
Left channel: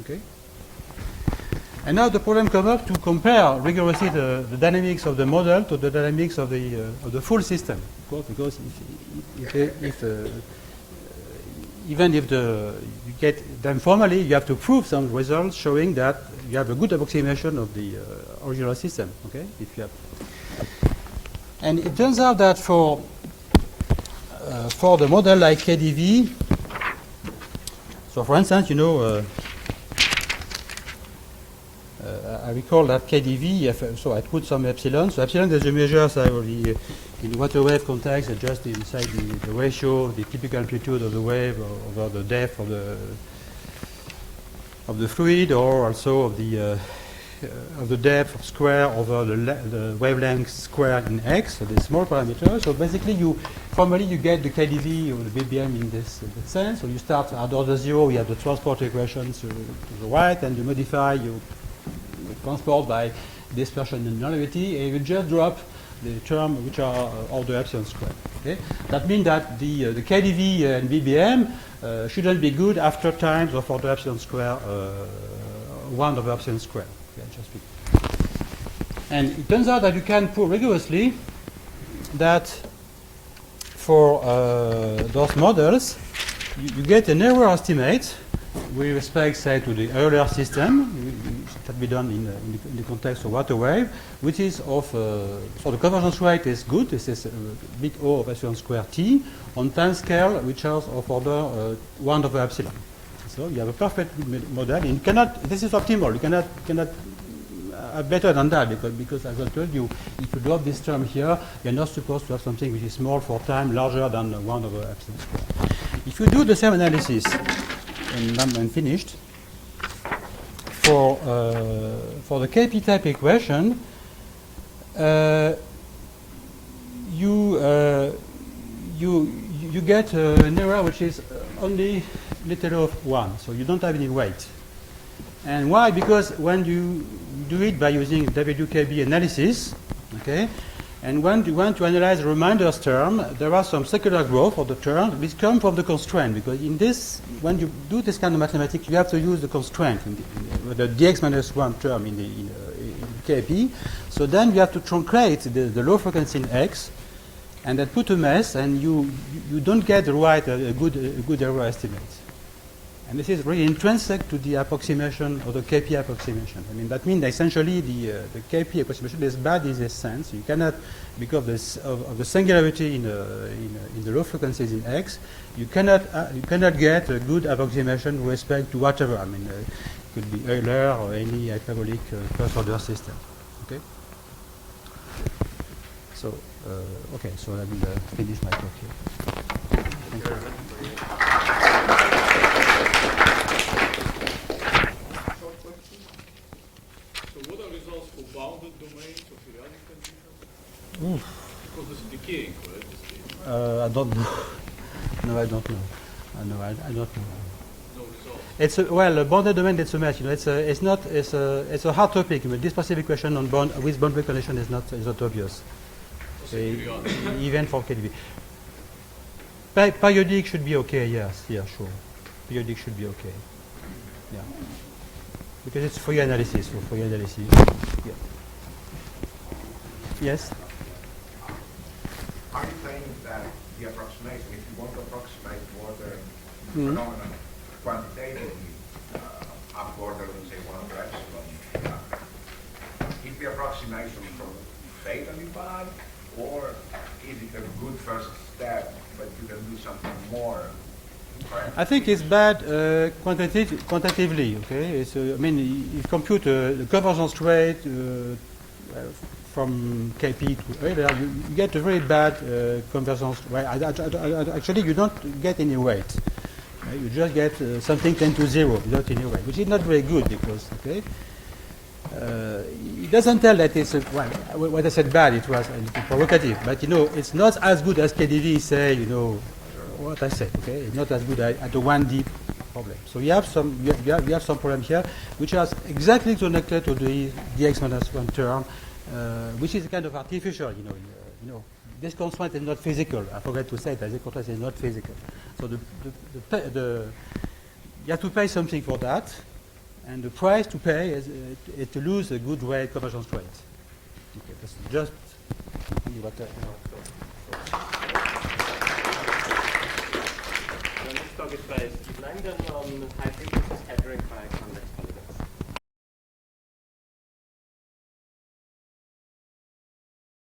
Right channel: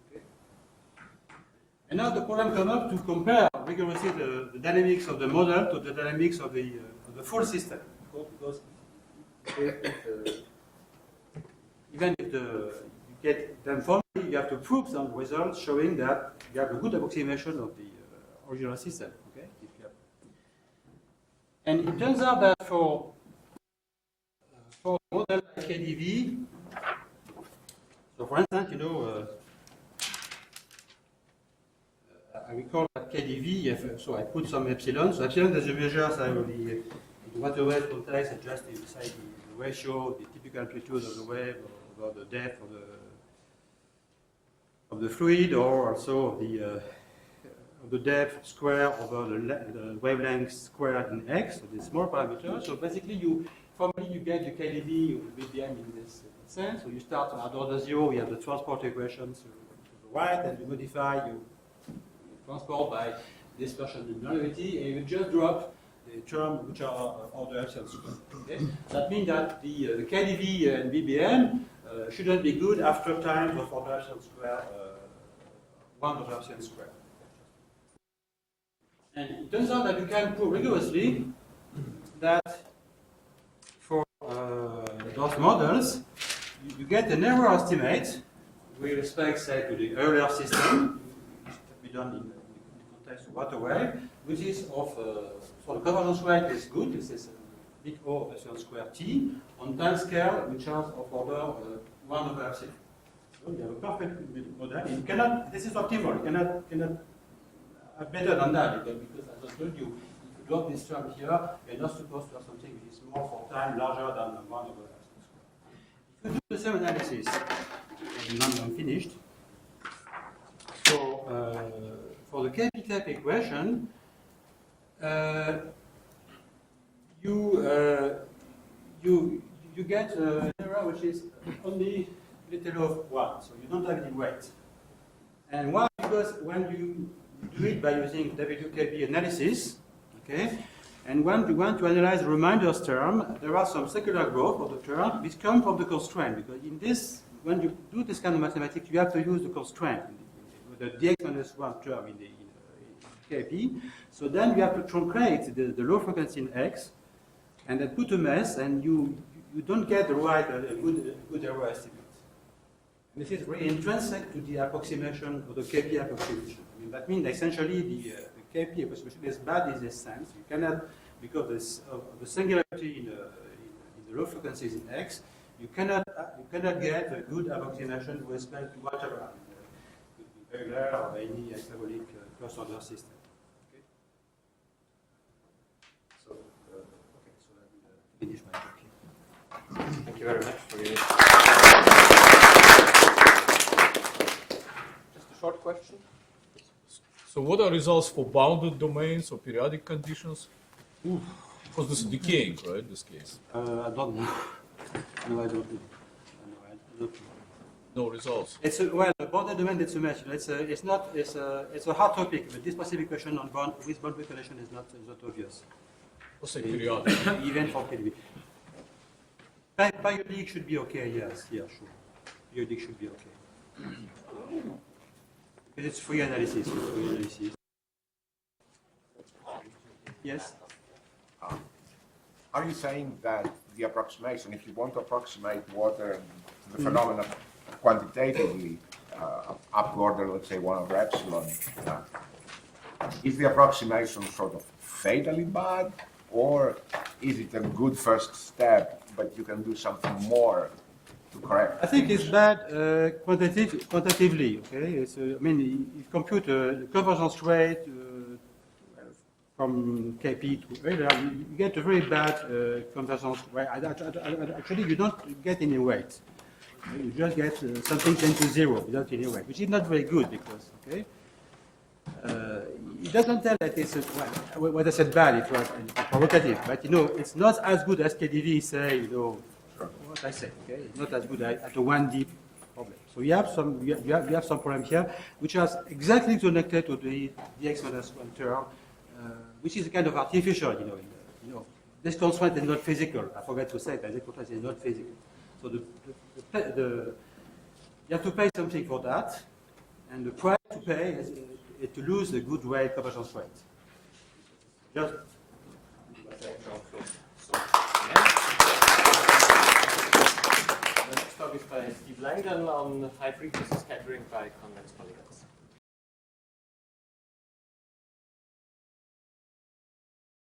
Okay? And now the problem comes up to compare rigorously the dynamics of the model to the dynamics of the full system. Of course, because even if you get them formally, you have to prove some results showing that you have a good approximation of the original system. Okay, if you have, and it turns out that for the model like KdV, so for instance, you know, I recall that KdV. So I put some epsilon. So epsilon is a measure in water wave context, just inside the ratio, the typical amplitude of the wave over the depth of the fluid, or also of the depth square over the wavelength square in x. So this small parameter. So basically, formally you get the KdV or the BBM in this sense. So you start at order 0. You have the transport equations to the right, and you modify you transport by dispersion and nonlinearity, and you just drop the term which are order epsilon squared. Okay? That means that the KdV and BBM shouldn't be good after times of order epsilon square 1 over epsilon squared. Okay, and it turns out that you can prove rigorously that for those models, you get an error estimate with respect, say, to the earlier system. It can be done in the context of water wave, which is of, so the convergence rate is good. This is bit O of epsilon square t on time scale, which is of order 1 over epsilon. So you have a perfect model. And you cannot, this is optimal. You cannot better than that, because as I told you, if you drop this term here, you're not supposed to have something which is small for time, larger than 1 over epsilon square. If you do the same analysis, and I'm finished, for the KP type equation, you get an error which is only little of 1, so you don't have any weight. And why? Because when you do it by using WKB analysis, okay, and when you want to analyze the reminders term, there are some secular growth of the term which come from the constraint, because in this, when you do this kind of mathematics, you have to use the constraint, the dx minus 1 term in KP. So then you have to truncate the low frequency in x, and then put a mess, and you don't get the right a good error estimate. And this is really intrinsic to the approximation or the KP approximation. I mean, that means essentially the KP approximation is bad in this sense. You cannot, because of the singularity in the low frequencies in X, you cannot get a good approximation with respect to whatever. I mean, it could be Euler or any hyperbolic first order system. Okay. So okay. So I will finish my talk here. Thank you very much. Short question. So what are results for bounded domains or periodic conditions? Because this is decaying, right? This case. I don't know. No, I don't know. I don't know. No results. It's a bounded domain. It's a match. You know, it's a hard topic. But this specific question on with boundary condition is not obvious. Periodic. Even for KdV. Periodic should be okay. Yes. Yeah. Sure. Periodic should be okay. Yeah. Because it's free analysis. Yeah. Yes. Are you saying that the approximation, if you want to approximate water phenomena quantitatively up to order, let's say 1 over epsilon, is the approximation sort of fatally bad, or is it a good first step, but you can do something more to correct? I think it's bad quantitatively. Okay, I mean, you compute the convergence rate from KP to Euler, you get a very bad convergence. Well, actually, you don't get any weight. You just get something 10 to 0 without any weight, which is not very good because, okay, it doesn't tell that it's, well, what I said bad, it was provocative, but you know, it's not as good as KDV say, you know, what I said, okay? It's not as good at a 1D problem. So you have some, you have some problem here, which is exactly connected to the dx-1 term, which is kind of artificial, you know. This constraint is not physical. I forgot to say that this constraint is not physical. So you have to pay something for that, and the price to pay is to lose a good rate, convergence rate. Okay, that's just what I The next talk is by Steve Langdon on high frequency scattering by